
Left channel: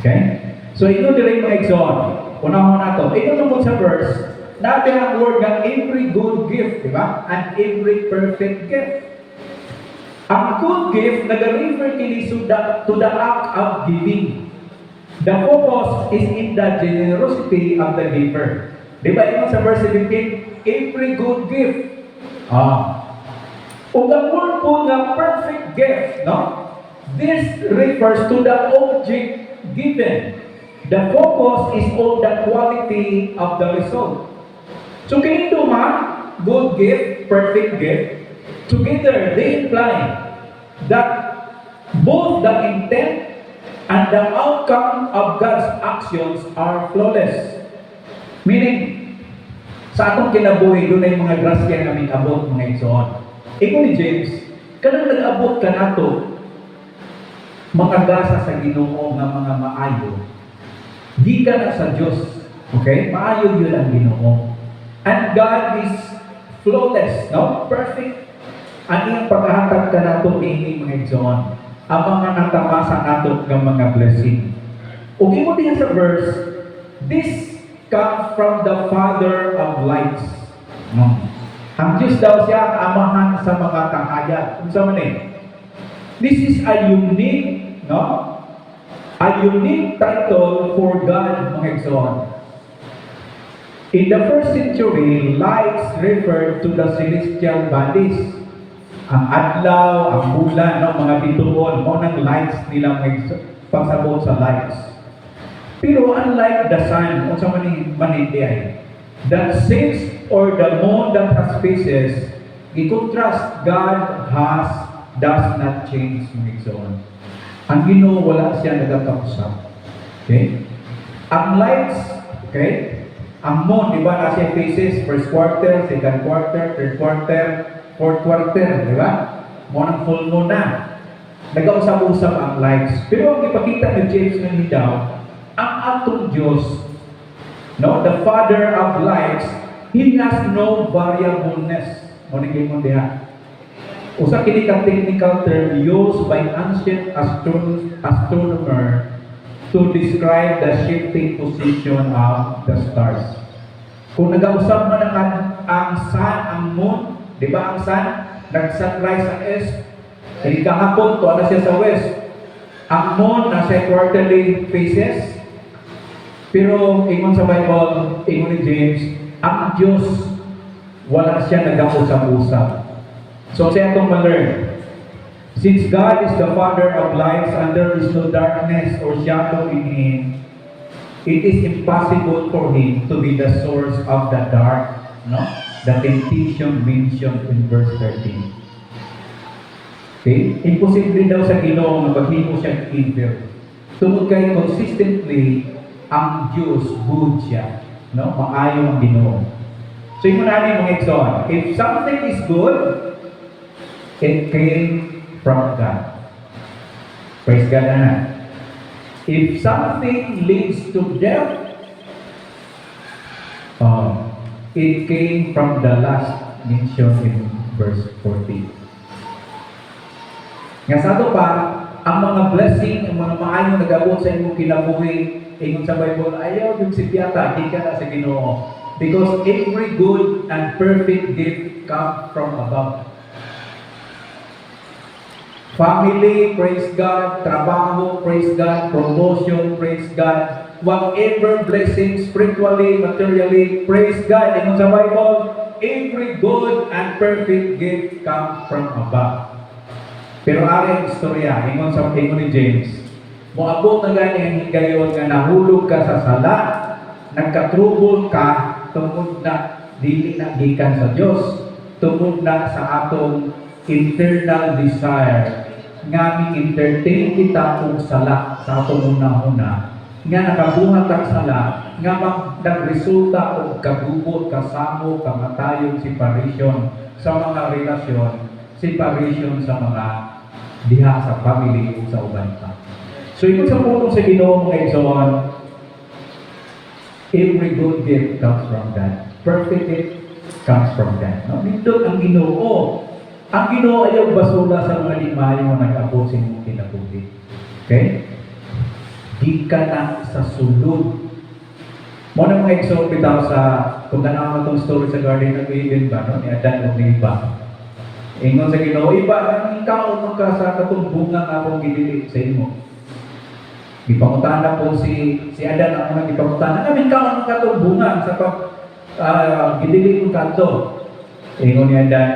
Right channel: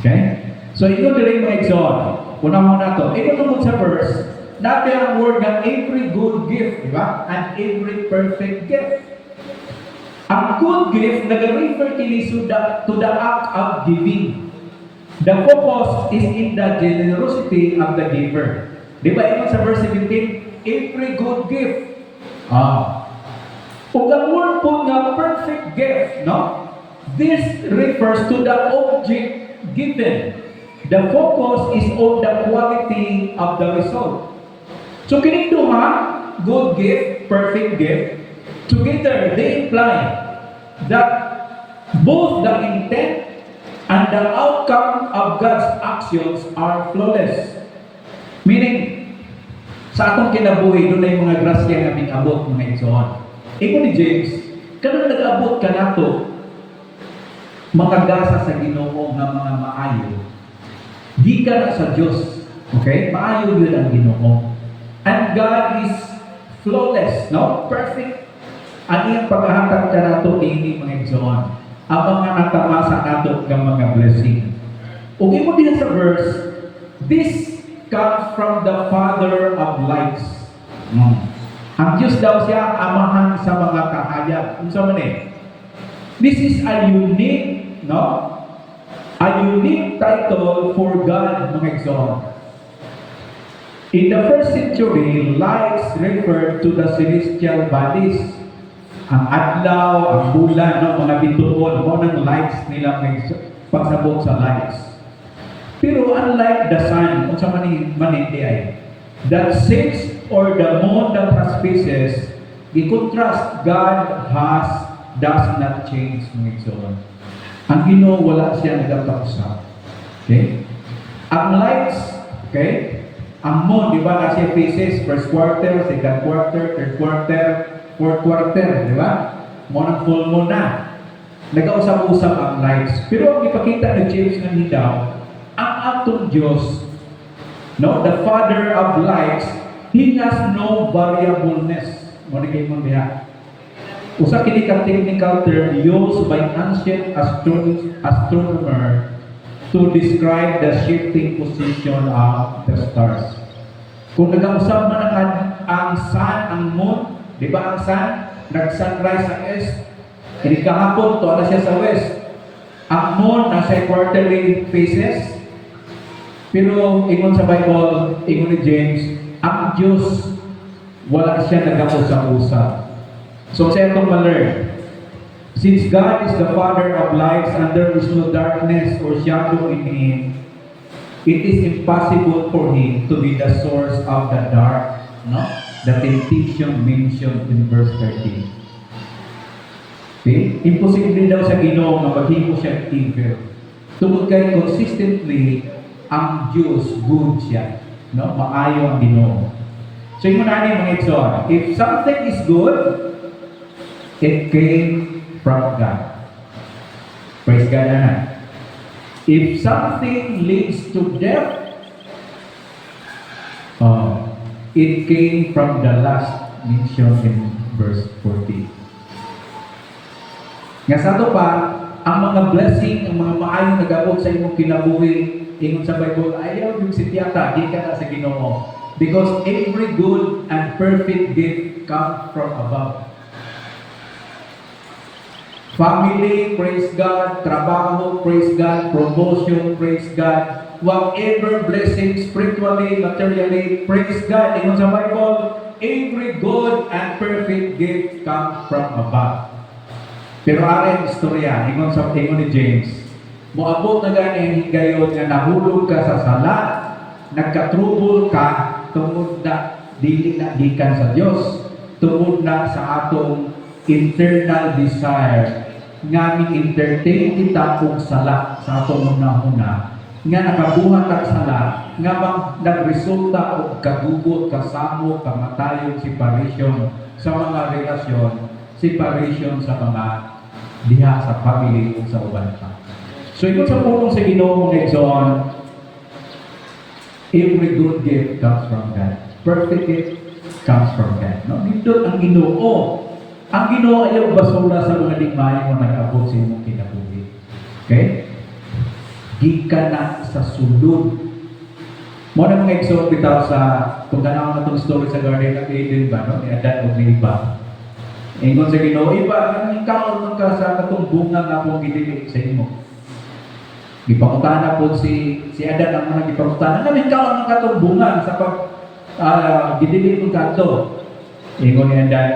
Okay? So ito dire mo exhort. Una mo na to. Ito tungkol sa verse, nabi ang word ng every good gift, di ba? And every perfect gift. Ang good gift, nag-refer kini to the act of giving. The focus is in the generosity of the giver. Di ba ito sa verse 17? Every good gift. O the word po nga perfect gift, no? This refers to the object given. The focus is on the quality of the result. So kini duha, good gift, perfect gift, together they imply that both the intent And the outcome of God's actions are flawless. Meaning, sa atong kinabuhi, doon ay mga grasya nga abot mga igsoon. Ikaw ni James, kanang nag-abot ka nato, mga gasa sa Ginoo nga mga maayo, di ka na sa Diyos. Okay? Maayo yun ang Ginoo. And God is flawless, no? Perfect. Ang iyang paghahatag ka nato, tingin mga igsoon. Ang mga natama sa ato ng mga blessing. Okay mo din sa verse, this comes from the Father of lights. Ang Diyos daw siya amahan sa mga kahayag. Unsa man eh? This is a unique, no? A unique title for God, mga igsoon. In the first century, lights referred to the celestial bodies. Ang adlaw, ang bulan, no, mga bituon, mo ng lights nila may pagsabot sa lights. Pero unlike the sun, kung sa manindi ay, that since or the moon that has phases, i-contrast, God does not change, mga igsoon. Ang Ginoo wala siya nagapaksa. Okay? Ang lights, okay? Ang moon, di ba, na siya phases, first quarter, second quarter, third quarter, fourth quarter, di ba? Mo ng full moon na. Nag-usap-usap ang lights. Pero ang ipakita ni James nga ni daw, ang atong Diyos, no, the Father of lights, He has no variableness. Mo ni kayo diha. Usa kini ka technical term used by ancient astronomer to describe the shifting position of the stars. Kung nag-usap man ang sun, ang moon, di ba ang sun, nag-sunrise sa east, hindi kahapon, to na siya sa west. Ang moon, nasa quarterly phases, pero ingon sa Bible, ingon ni James, ang Diyos, wala siya nag-usap-usap. So siya itong ma-learn. Since God is the Father of lights and there is no darkness or shadow in Him, it is impossible for Him to be the source of the dark, no? The temptation mentioned in verse 13. Okay? Imposible daw sa Ginoo magahimo siya evil. Tungod kay consistently ang Diyos good siya, no? Maayo ang Ginoo. So yung mga igsoon, if something is good, it came from God. Praise God na. If something leads to death, it came from the last mentioned in verse 14. Nga sa ito pa, ang mga blessing, ang mga maayong nag-abot sa imong kinabuhi, ingon sa Bible, ayaw yung si Tiyata, di ka na sa Ginoo. Because every good and perfect gift comes from above. Family, praise God. Trabaho, praise God. Promotion, praise God. Whatever blessing, spiritually, materially, praise God. Ingon sa Bible, every good and perfect gift comes from above. Pero aring istorya, ingon ni James, moabot na gani ang higayon nga nahulog ka sa sala, nagkatrubol ka, tungod na dili na gikan sa Dios, tungod na sa atong internal desire nga mi-entertain kita kung sala sa atong una-una nga nakabuhat kag sala nga nagresulta og kagugot, kasamo, kamatayon, separation sa mga relasyon, separation sa mga diha sa family o sa uban pa. So ito sa pulong sa Ginoo mga igsoon, every good gift comes from God. Perfect gift comes from God. No? Nindot ang Ginoo. Ang Ginoo ayaw basura sa mga limay mo nag-abot sa imong kinabuhi. Okay? Di ka na sa sulod. Mo na mga igsoon bitaw sa kung tanaw na itong story sa Garden of Eden ba, no? Ni Adan o ni Eva. Ingon sa Ginoo, iba, ang ikaw ka sa katong bunga nga akong gidili sa imo. Gipangutana po si Adan ang mga gipangutana, namin ka ang katong bunga sa pag gidili ko kanto. Ingon ni Adan,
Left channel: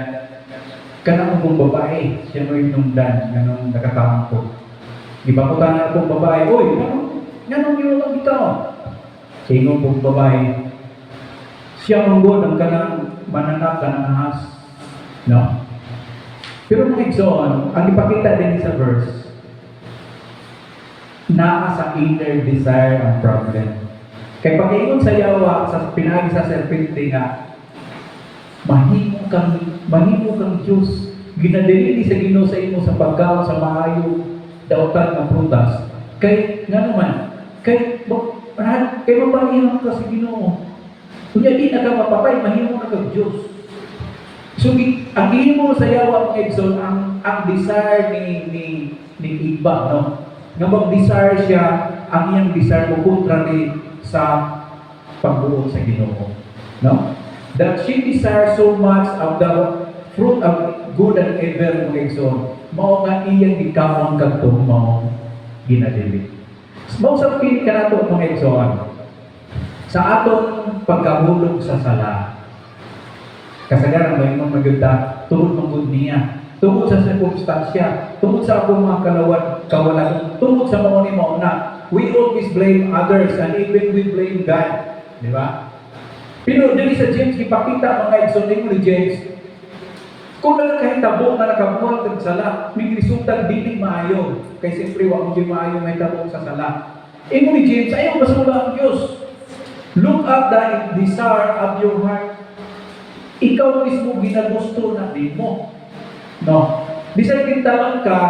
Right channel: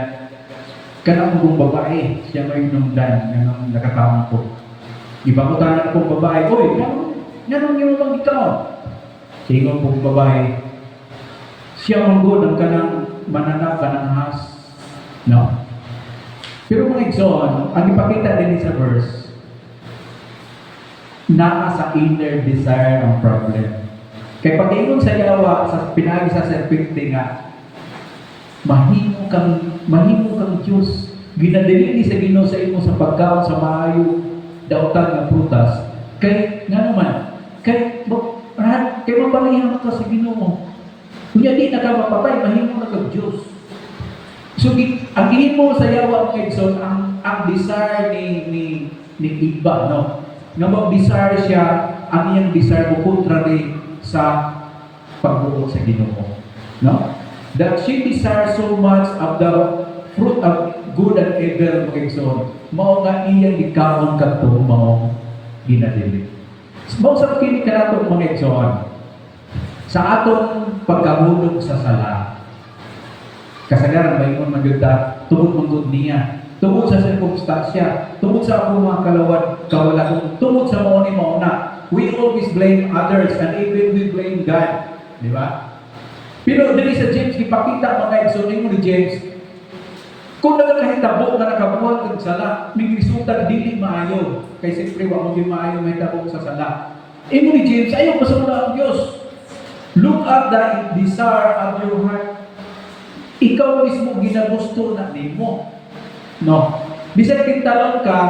kanang kong babae, siya may nungdan, kanang nakapangko. Gipangutana kong babae, oy, ganun yung ikaw. Ingon pong babae, siya manggod ang kanang mananak, kanang has. No? Pero mga igsoon, ang ipakita din sa verse, naa sa inner desire ang problem. Kaya pag ingon sa yawa, sa pinagi sa serpente nga, mahimo kang Diyos. Ginadili sa Ginoo sa imo sa pagkaon sa maayo dautan nga prutas. Kay nga naman, kay mapalihang ka sa Ginoo. Kunya di na ka mapapay, mahimo na kag Diyos. So, ang ihimo sa yawa mga Edson, ang desire ni iba, no? Nga mag-desire siya, ang iyang desire mo contrary sa pagbuot sa Ginoo. No? That she desires so much of the fruit of good and evil mga Edson, mao nga iyang gikawon kadto mao ginadili. Mao sa kini kanato mga Edson, sa aton pagkahulog sa sala. Kasagaran ba yung maganda, tungkol mangod niya, tungkol sa sirkumstansya, tungkol sa akong mga kawalan, tungkol sa mga na. We always blame others and even we blame God. Di ba? Pero dili sa James, ipakita mga exoning ni James, kung nagkahitabo na nakabuhat ng sala, may resulta dili maayo. Kaya siyempre, wag mo yung maayo may tabok sa sala. Imo ni James, ayaw masula ang Diyos. Look at the desire of your heart. Ikaw mismo ginagusto na di mo. No? Bisan kintaon ka,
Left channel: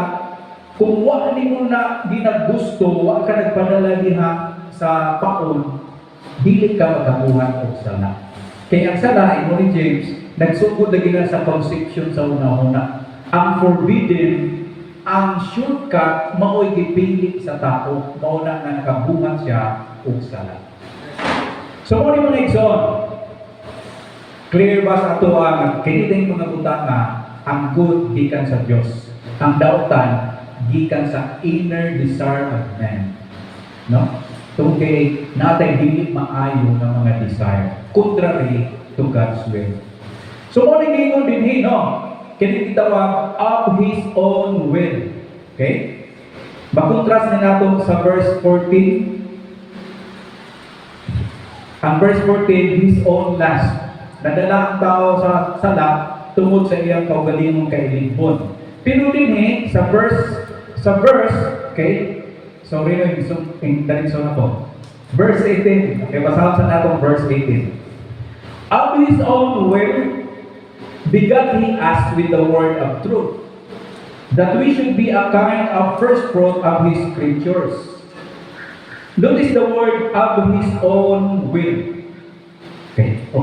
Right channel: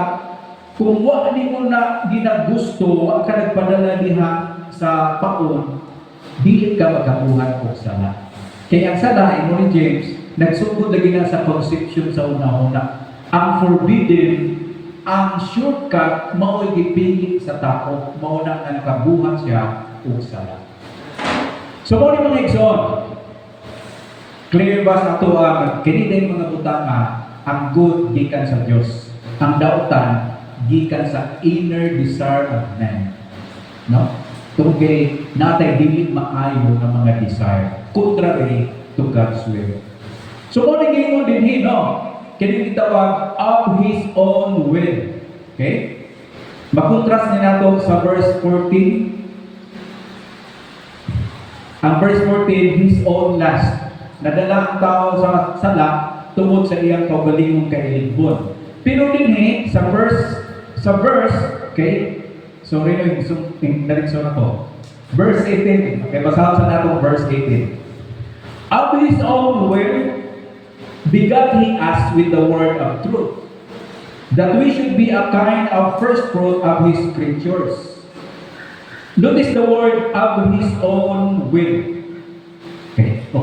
kung wala ni mo na ginagusto, wala ka nagpadala diha sa paon, dili ka magabuhat o sala. Kaya ang sala, imo ni James, nagsugod na gina sa conception sa una-una. Ang forbidden, ang shortcut, mao'y gipili sa tao, mauna na nakabuhat siya o sala. So, muna mga igsoon, clear ba sa ito ang kinitin mga butanga, ang good gikan sa Diyos. Ang dautan, gikan sa inner desire of man. No? Tungkay natin dili maayo ng mga desire. Contrary to God's will. So, muna ngayon din no? Kini kitawag of His own will. Okay? Makontrast na nato sa verse 14. Ang verse 14, His own lust. Nadala ang tao sa sala tungkol sa iyang kaugalingong kailigbon. Pero din sa verse, okay? Sorry, dalit ako. Verse 18. Okay, basahan sa natin verse 18. Of His own will, begat He us with the word of truth, that we should be a kind of first fruit of His creatures. Notice the word of His own will.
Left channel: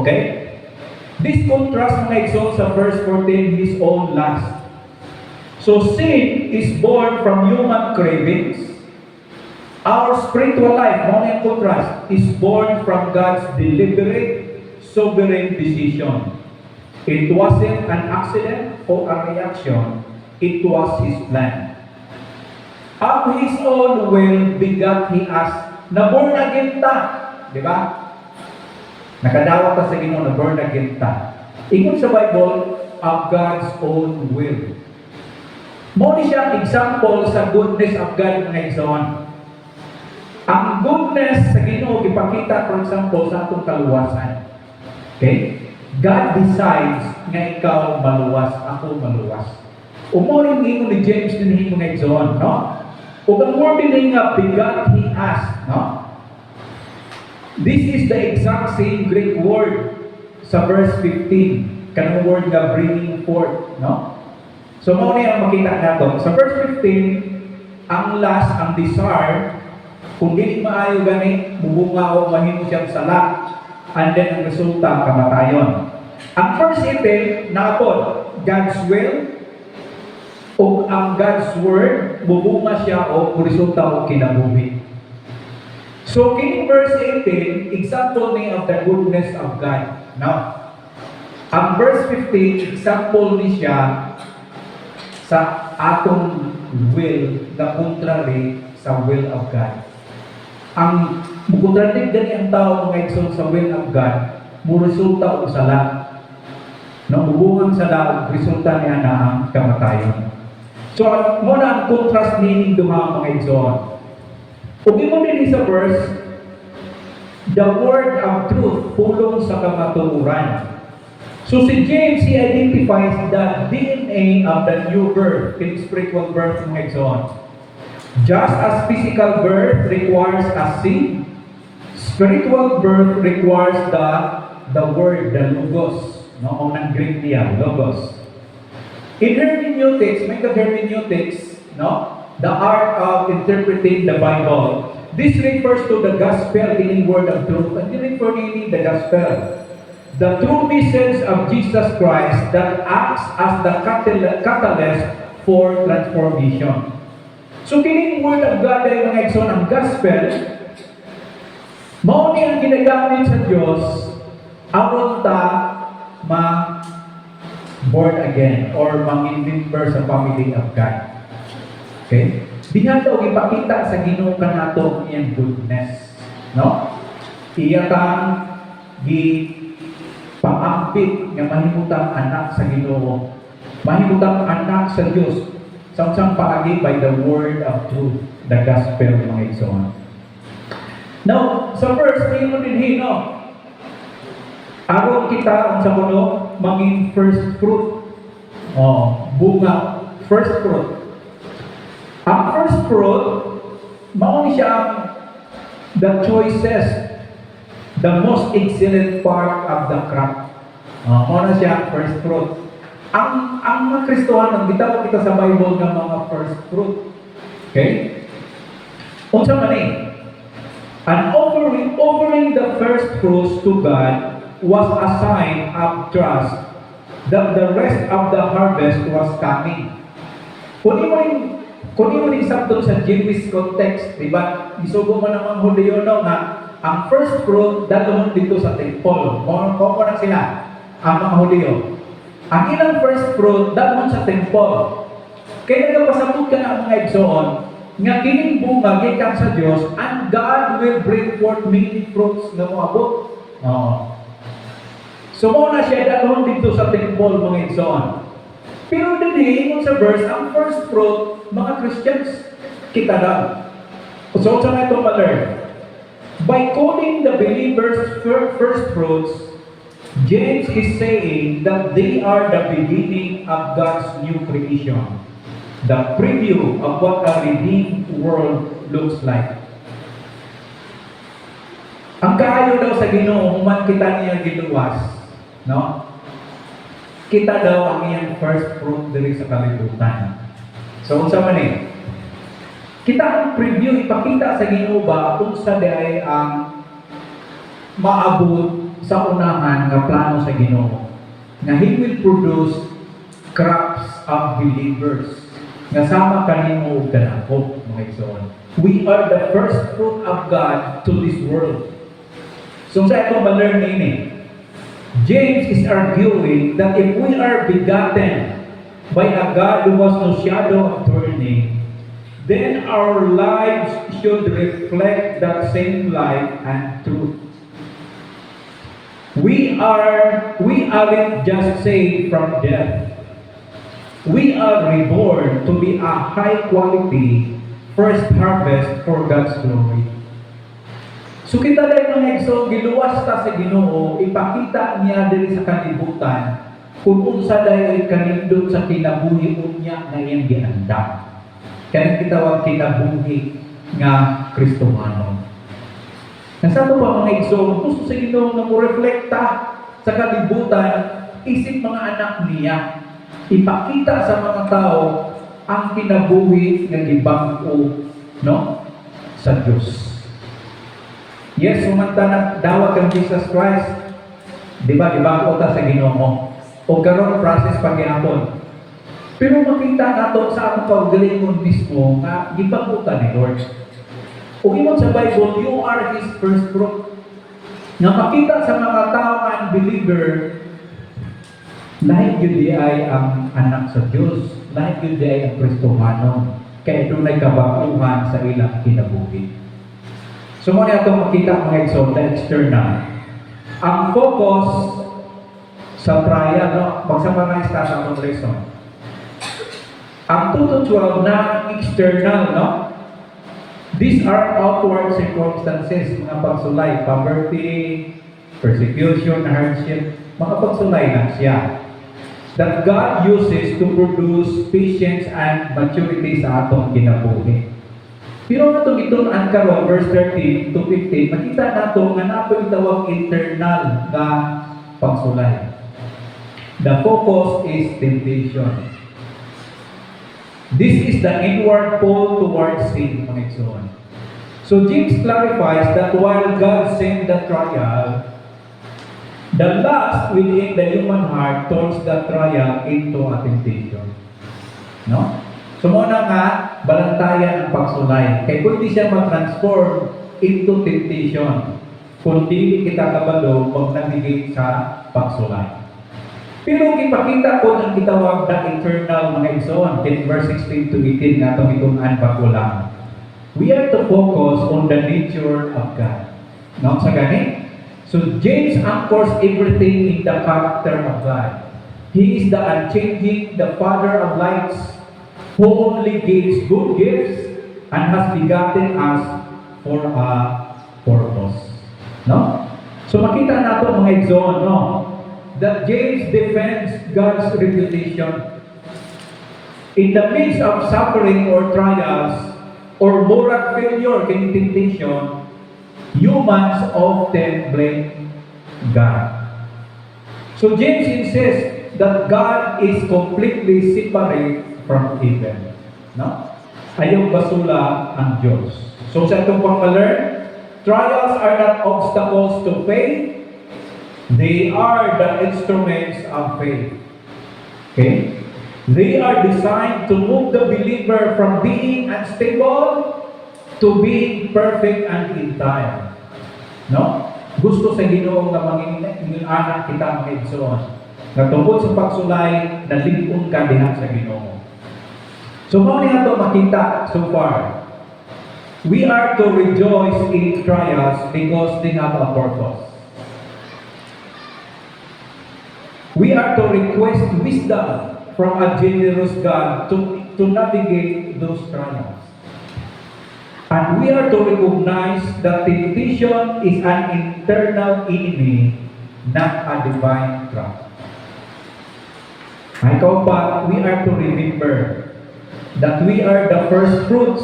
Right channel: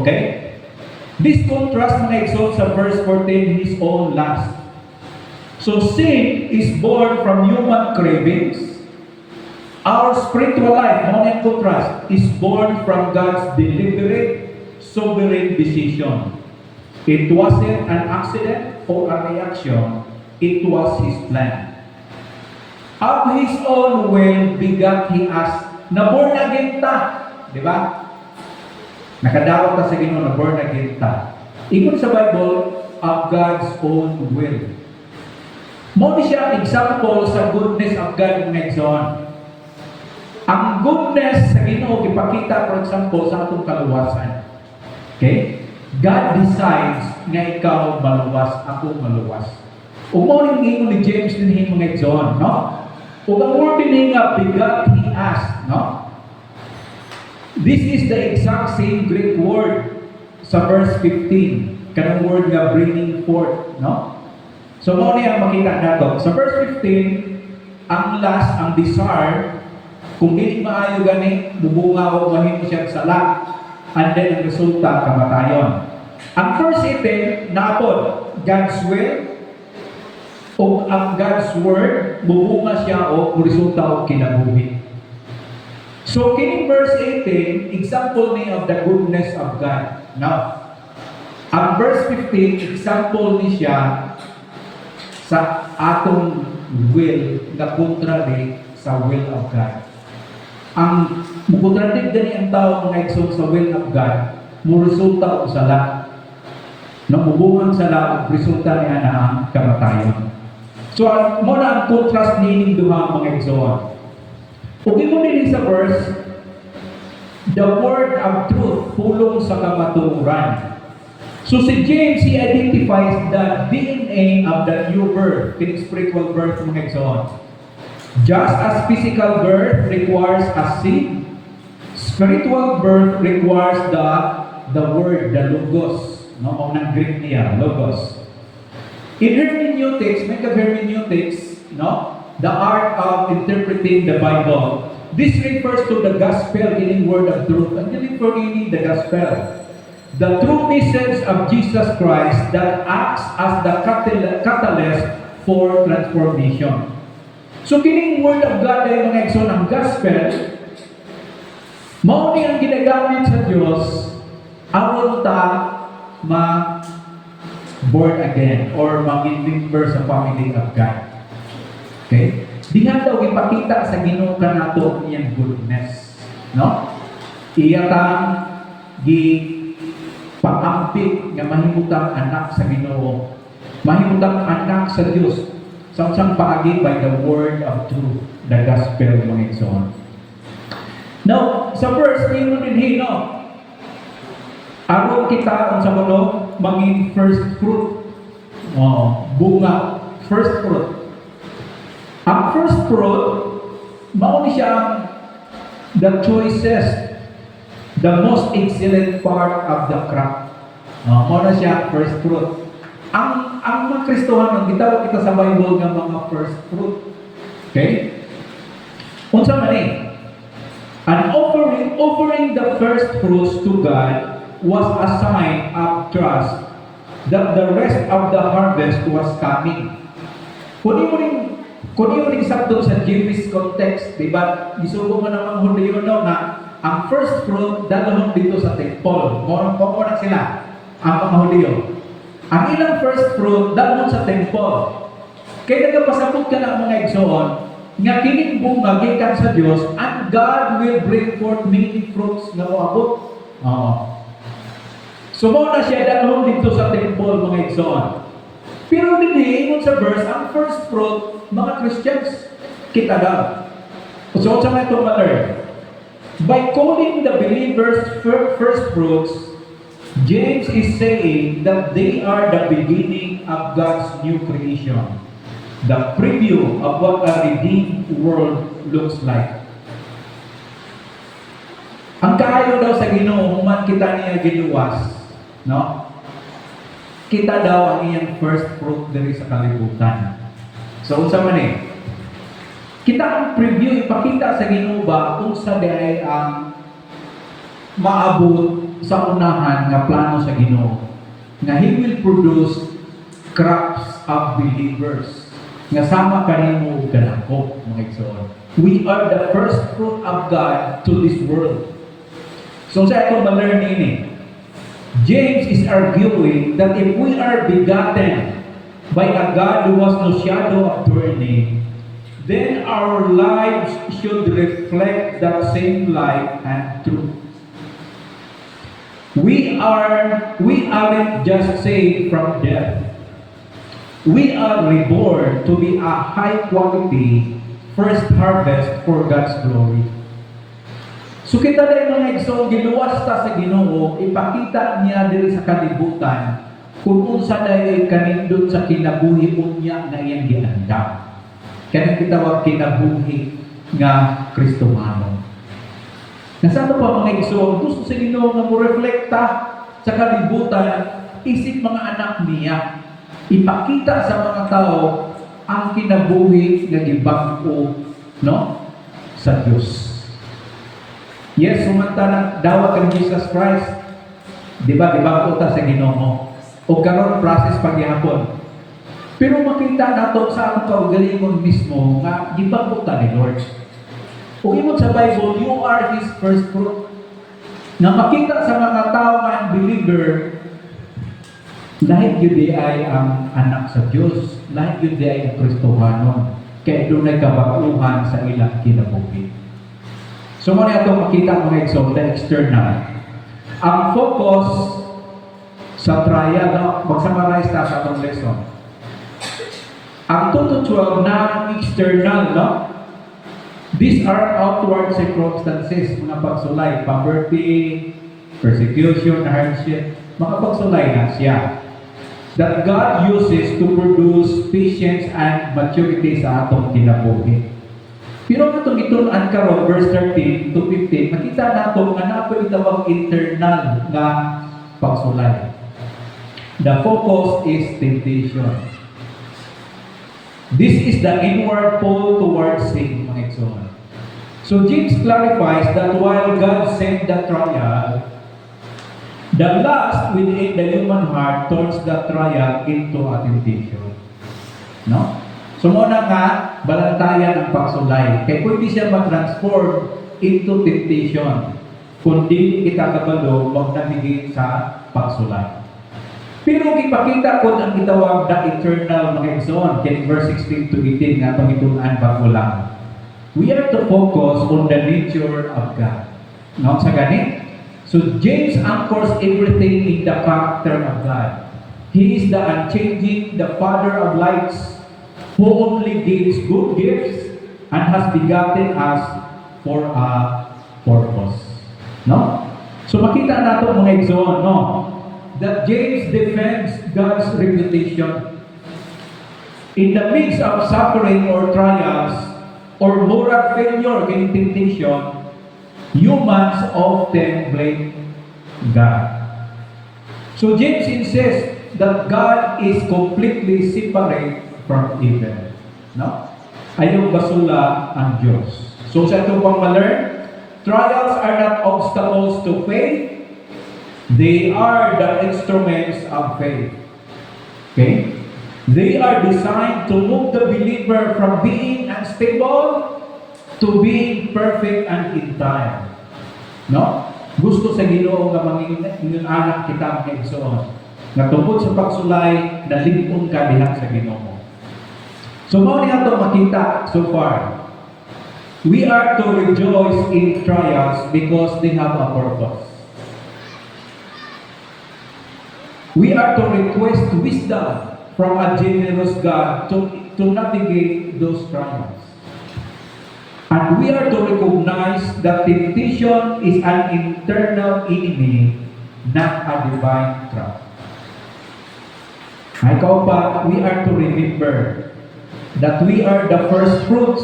Okay? This contrast mga exalt sa verse 14, His own lust. So sin is born from human cravings. Our spiritual life, mga contrast, is born from God's deliberate, sovereign decision. It wasn't an accident or a reaction. It was His plan. Of His own will begat He us. Na born again ta. Di ba? Nakadawat ta sa Ginoo na born again ta. Ingon sa Bible, of God's own will. Mo ni siya example sa goodness of God ng Exon. Ang goodness sa Ginoo ipakita, for example, sa atong kaluwasan. Okay? God decides nga ikaw maluwas, ako maluwas. Umuling ingon ni James din mga Exon, no? Kung ang word din nga, begat He asked, no? This is the exact same Greek word sa verse 15. Kanang word nga bringing forth, no? So, mo niya makita nato. Sa verse 15, ang last, ang desire, kung hindi maayo gani, bubunga o mahimo siyang sala, and then ang resulta, kamatayon. Ang verse 18, napod, God's will, o ang God's word, bubunga siya o resulta o kinabuhi. So, kini verse 18, example ni of the goodness of God. Now, ang verse 15, example ni siya sa atong will na contrary sa will of God. Ang mukontradik din ang tao mga igsoon sa will of God, mo resulta o sala. Namubuang sala, resulta niya na ang kamatayon. So, muna ang contrast ni duha mga igsoon. Kung imo din sa verse, the word of truth, pulong sa kamatuoran. So si James, he identifies the DNA of the new birth, in spiritual birth mga igsoon. Just as physical birth requires a seed, spiritual birth requires the word, the logos, no, o ng Greek niya, logos. In hermeneutics, may hermeneutics, no, the art of interpreting the Bible. This refers to the gospel, meaning word of truth, and meaning the gospel. The true message of Jesus Christ that acts as the catalyst for transformation. So, kining word of God ay mga igsoon ang gospel, mao ni ang ginagamit sa Dios aron ta born again or maging member sa family of God. Okay? Diha daw ipakita sa Ginoo kanato iyang goodness, no? Iya kang paampit nga mahimutang anak sa Ginoo. Mahimutang anak sa Dios samsang paagi by the word of truth, the gospel mga igsoon. Now, sa verse mo din hino, aron kita sa mundo maging first fruit. Bunga, first fruit. Ang first fruit, mao ni siya the choicest, the most excellent part of the crop. Mao na siya first fruit. Ang mga Kristohanon, gitawag kita sa Bible ng mga first fruit. Okay? Unsa man ni? And offering the first fruits to God was a sign of trust that the rest of the harvest was coming. Kung yung sabdo sa Jewish context, di ba? Isugo mo naman Hudiyo na ang first fruit dalawang dito sa temple. Kung na sila, ang mga Hudiyo. Ang ilang first fruit dalawang sa temple. Kaya nagpasabot ka ng mga igsoon, nga kining bunga gikan sa Dios, and God will bring forth many fruits nga moabot. So mo na siya dalawang dito sa temple mga igsoon. Pero din sa verse, ang first fruit mga Christians kita daw. So sa nga itong ma-learn, by calling the believers first fruits, James is saying that they are the beginning of God's new creation. The preview of what a redeemed world looks like. Ang kaayo daw sa Ginoo, man kita niya giluwas, no? Kita daw ang iyang first fruit diri sa kalibutan. So, unsa man eh? Kita ang preview, ipakita sa Ginoo ba kung sa diay ang maabot sa unahan nga plano sa Ginoo. Na He will produce crops of believers. Nasama kanimo ug kanako mga igsoon. We are the first fruit of God to this world. So sa atong ma-learn ini, James is arguing that if we are begotten by a God who was no shadow of turning, then our lives should reflect that same light and truth. We aren't just saved from death. We are reborn to be a high quality first harvest for God's glory. So kita din mga igsoon, giluwas ta sa Ginoo, ipakita niya diri sa kalibutan kung unsa dayon kanindot sa kinabuhi unya nga iyang giandam. Kaya kitawag kinabuhi nga Kristohano. Nasaan pa mga igsoon, gusto sa Ginoo nga mo reflekta sa kalibutan, isip mga anak niya. Ipakita sa mga tao ang kinabuhi nga gibangko, no, sa Dios. Yes, sumantala dawat kang Jesus Christ. Di ba ta sa Ginoo? O karon process pagyapon. Pero makita nato sa ang kaugalingon mismo nga gibangko ta ni Lord. O ingon sa Bible, you are His first fruit. Nga makita sa mga tao nga unbeliever, lahat yun ay ang anak sa Diyos. Lahat yun ay ang Kristohano. Kaya doon ay kabaguhan sa ilang kinabuhi. So muna ito makita mga igsoon, the external. Ang focus sa trial, no? Mag-summarize na sa atong lesson. Ang 2-12 na external, no? These are outward circumstances, mga pagsulay, poverty, persecution, hardship, mga pagsulay na siya. That God uses to produce patience and maturity sa atong kinabuhi. Pero nga itong karon verse 13 to 15, makita nato nga nato itawag internal nga pagsulay. The focus is temptation. This is the inward pull towards sin, mga igsoon. So James clarifies that while God sent the trial, the lust within the human heart turns the trial into a temptation. No? So muna nga, balantayan ang pagsulay. Kaya pwede siya ma-transform into temptation kung di kita kabalo mag-navigate sa pagsulay. Pero ipakita ko ang itawag na eternal mga igsoon, verse 16 to 18 nga itong itunan bago lang. We are to focus on the nature of God. No, sa gani? So James anchors everything in the character of God. He is the unchanging, the Father of lights, who only gives good gifts and has begotten us for a purpose. No? So makita nato mga igsoon, no? That James defends God's reputation. In the midst of suffering or trials or moral failure in temptation, humans often blame God. So James insists that God is completely separate from evil. No? Ayaw basula ang Diyos. So sa itong pang-learn, trials are not obstacles to faith. They are the instruments of faith. Okay? They are designed to move the believer from being unstable to being perfect and entire. No? Gusto sa Ginoo nga mangingin anak kita ang igsoon. Nga tungkol sa pagsulay, nalipon ka diha sa Ginoo. So mao ni ato makita so far. We are to rejoice in trials because they have a purpose. We are to request wisdom from a generous God to navigate those trials. And we are to recognize that temptation is an internal enemy, not a divine trap. But we are to remember that we are the first fruits,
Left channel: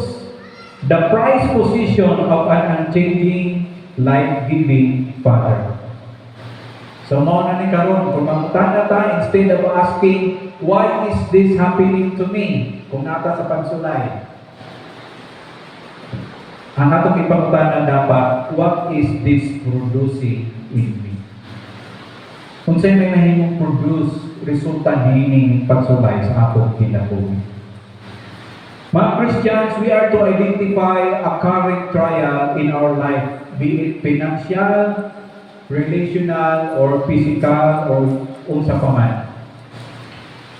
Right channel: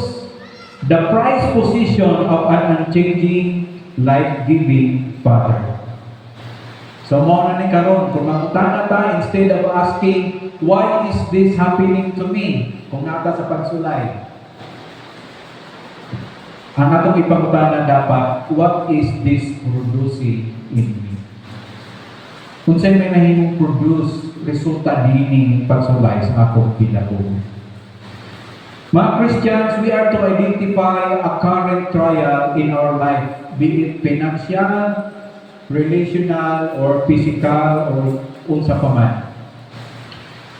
the prized position of an unchanging, life-giving Father. So mo na ni karon kung mangutana ta, instead of asking why is this happening to me kung nata sa pagsulay, ang atong ipangutana dapat, what is this producing in me? Kung sa'yo may nahimong produce resulta dining pagsulay sa atong kinabuhi. Mga Christians, we are to identify a current trial in our life, be it financial, relational, or physical, or unsa pa man.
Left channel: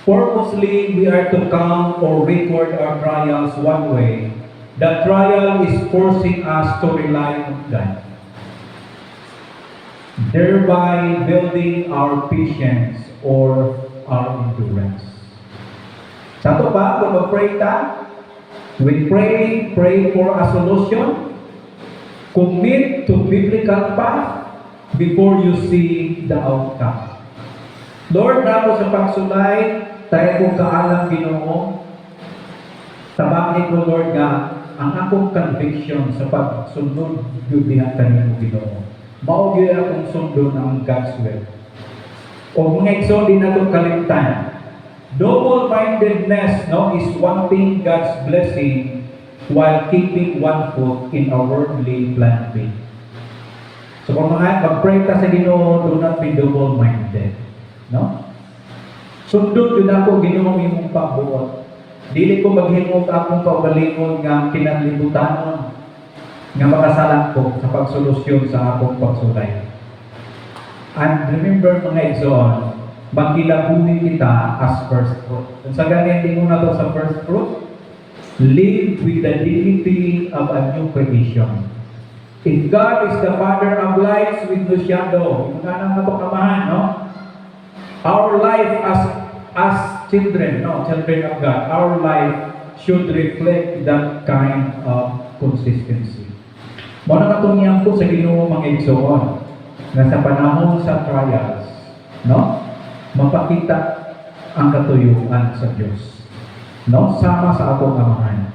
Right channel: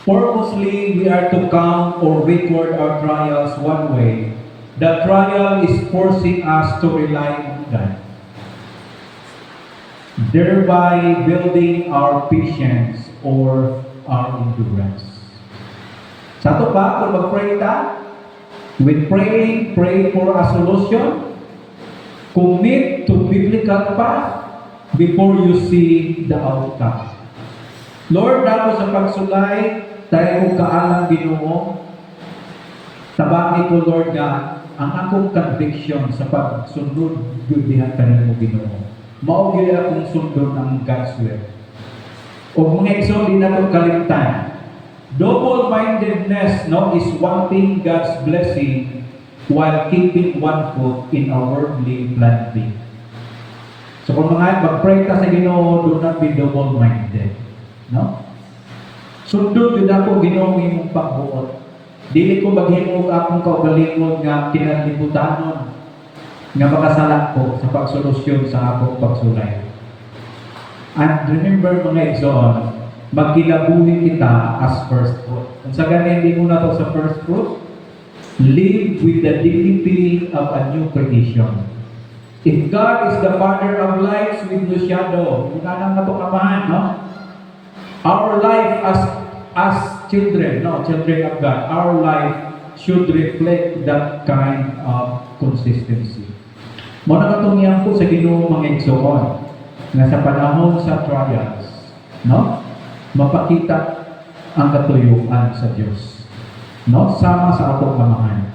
Purposely, we are to count or record our trials one way. The trial is forcing us to rely on God, thereby building our patience or our endurance. Sa ito ba, kung mag-pray ta, with praying, pray for a solution, commit to biblical path, before you see the outcome. Lord, ako sa pagsulay, tayo kong kaalang Ginoo. Tabangin ko, Lord God, ang akong conviction sa pagsundod yun diha kanimo Ginoo. Mao gyud akong sundon ang God's will. O mga igsoon din nato kalimtan. Double-mindedness is wanting God's blessing while keeping one foot in a worldly planting. So kung mga mag-pray ka sa Ginoo, do not be double-minded. No? Sundod yun ako Ginoo imong pagbuot. Dili ko maghimog akong kaugalingon nga kinalibutanon nga makasalak ko sa pagsolusyon sa akong pagsulay. And remember mga igsoon, magkilabuhin kita as first fruit. Kung sa ganyan din muna to sa first fruit, live with the dignity of a new creation. If God is the Father of lights with no shadow, yung kanang na ito kamahan, no? Our life as children, children of God, our life should reflect that kind of consistency. Muna katungyan po sa Ginoo mga igsoon, na sa panahon sa trials, mapakita ang katuyuan sa Diyos. Sama sa atong kamahan.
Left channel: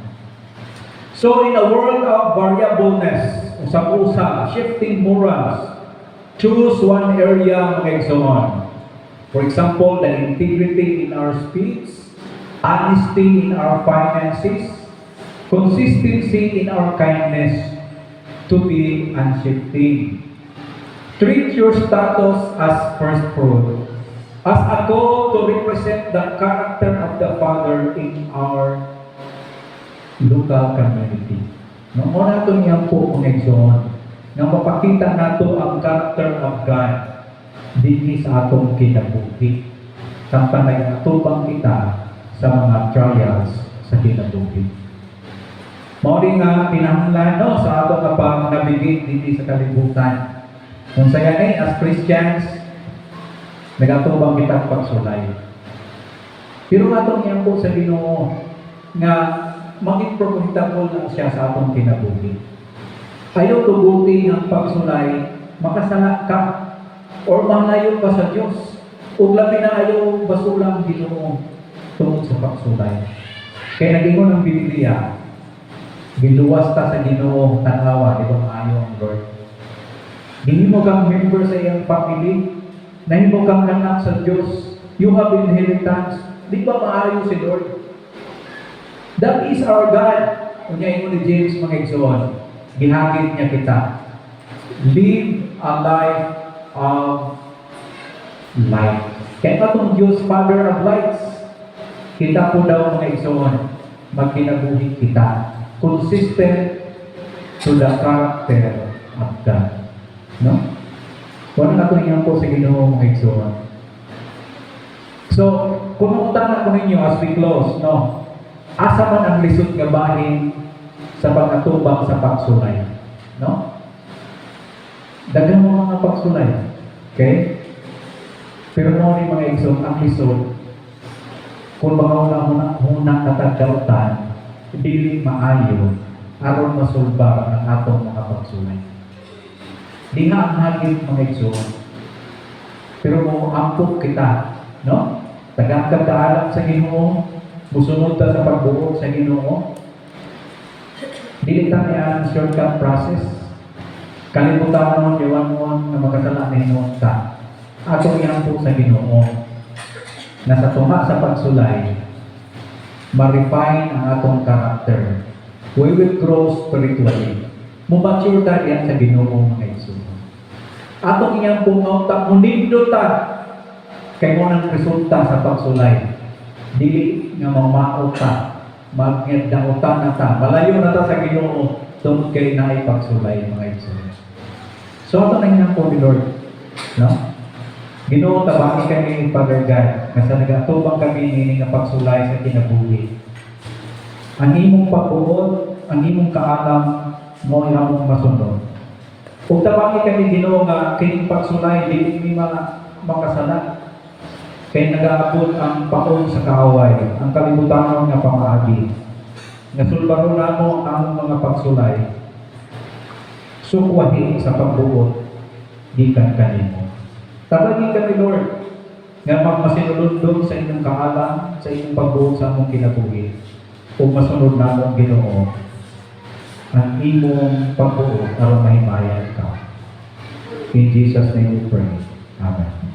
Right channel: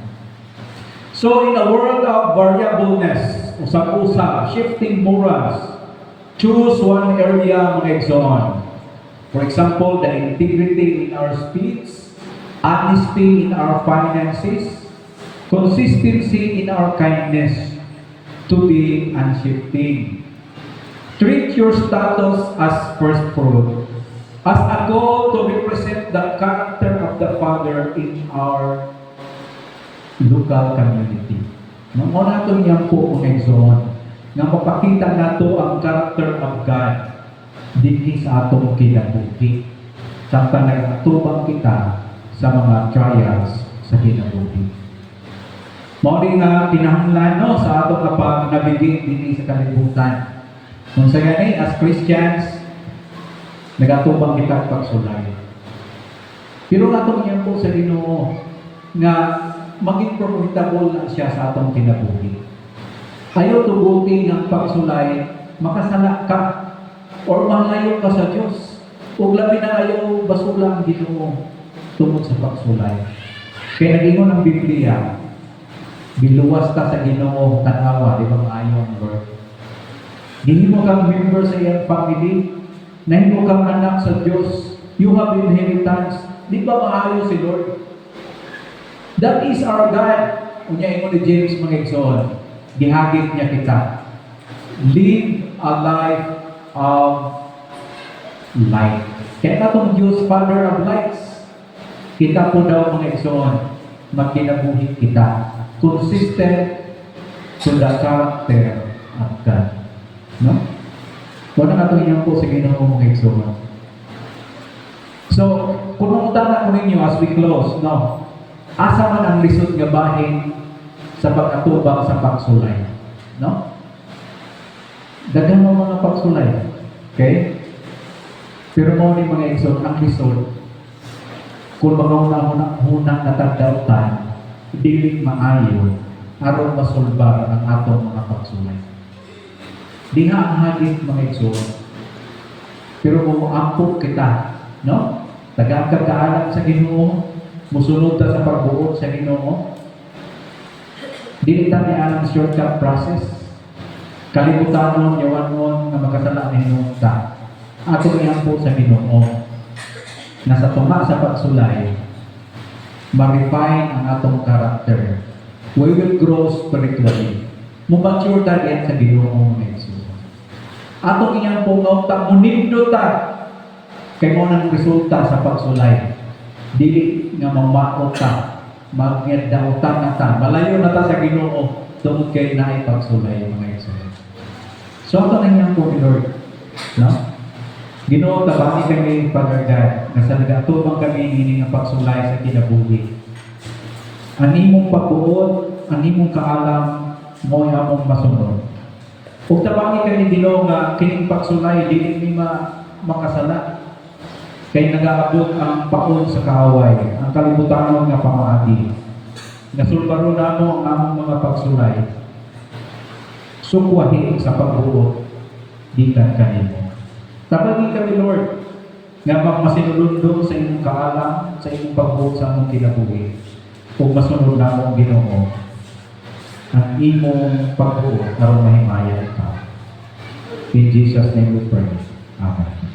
So in a world of variableness, usap-usap, shifting morals, choose one area mga igsoon. For example, the integrity in our speech, honesty in our finances, consistency in our kindness, to be unshifting. Treat your status as first fruit, as a goal to represent the character of the Father in our local community. Nung una ito niyang po mga igsoon, nga mapakita nato ang character of God dili sa atong kinabuhi. Samtang nagtubang kita sa mga trials sa kinabuhi. Mao rin nga pinahanglan no, sa atong kapag nabigit dili sa kalibutan. Kung sa gani, as Christians, nagatubang kita pagsulay. Pero nato niya po sa Ginoo nga maging profitable na siya sa atong kinabuhi. Ayaw tubuti ng pagsulay, makasala ka or malayo ka sa Diyos. Ug labi na ayaw basulang Ginoo tungod sa pagsulay. Kaya nagingon ng Biblia, giluwas ta sa Ginoo tanawa, di ba maayo ang Lord. Gihimo kang member sa iyang family, nahimo kang anak sa Diyos, you have inheritance, di ba maayo si Lord? That is our God. Kunya ingon ni James mga igsoon, gihagit niya kita. Live a life of light. Kaya atong Diyos, Father of lights, kita po daw mga igsoon, magkinabuhi kita. Consistent to the character of God. No? Wala na ito yan po sa Ginoo mga igsoon. So, kung na ko ninyo as we close, no? Asa man ang lisod nga bahin sa pag-atubang sa pagsulay. No? Daghang mga pagsulay. Okay? Pero mo ni mga igsoon, ang lisod, kung mga unang nakagautan, dili maayo, aron masulbar ang atong mga pagsulay. Diha ang hagit mga igsoon. Pero mo ampok kita, no? Tagakadaanan sa Ginoo, musunod ta sa pagbuo sa Ginoo. Dili ta niya ang shortcut process. Kalibutan mo, yawan mo, nga makasala ninyo ta. Ato niya po sa Ginoo. Nasa tuma sa pagsulay, ma-refine ang atong character. We will grow spiritually. Mumature ta yan sa Ginoo mga igsoon. Ato niya po nga munindot ta kay mo nang resulta sa pagsulay. Dili nga mamao ta, magyadautan na ta, malayo na ta sa Ginoo tungod kay naay pagsulay mga igsoon. So ako na niya po ni Lord, no? Ginoo, tabaki kami, Father God, na sa nagatubang kami nini nga pagsulay sa kinabuhi. Ang imong pagbuod, ang imong kaalam, mo ang among masunod. Kung tabaki kami, Ginoo, nga kining pagsulay, dili mi makasala. Kaya nag-aabot ang pakon sa kaaway, ang kalibutan nga pamaagi. Nasulbaro na mo ang among mga pagsulay. Sukwahi sa pagbuod, gikan kanimo. Tabagi kami, Lord, nga magmasinulundong sa inyong kaalam, sa inyong pagbuod sa among kinabuhi. Kung masunod na mong Ginoo, ang imong pagbuod, aron mahimayan ka. In Jesus' name we pray. Amen.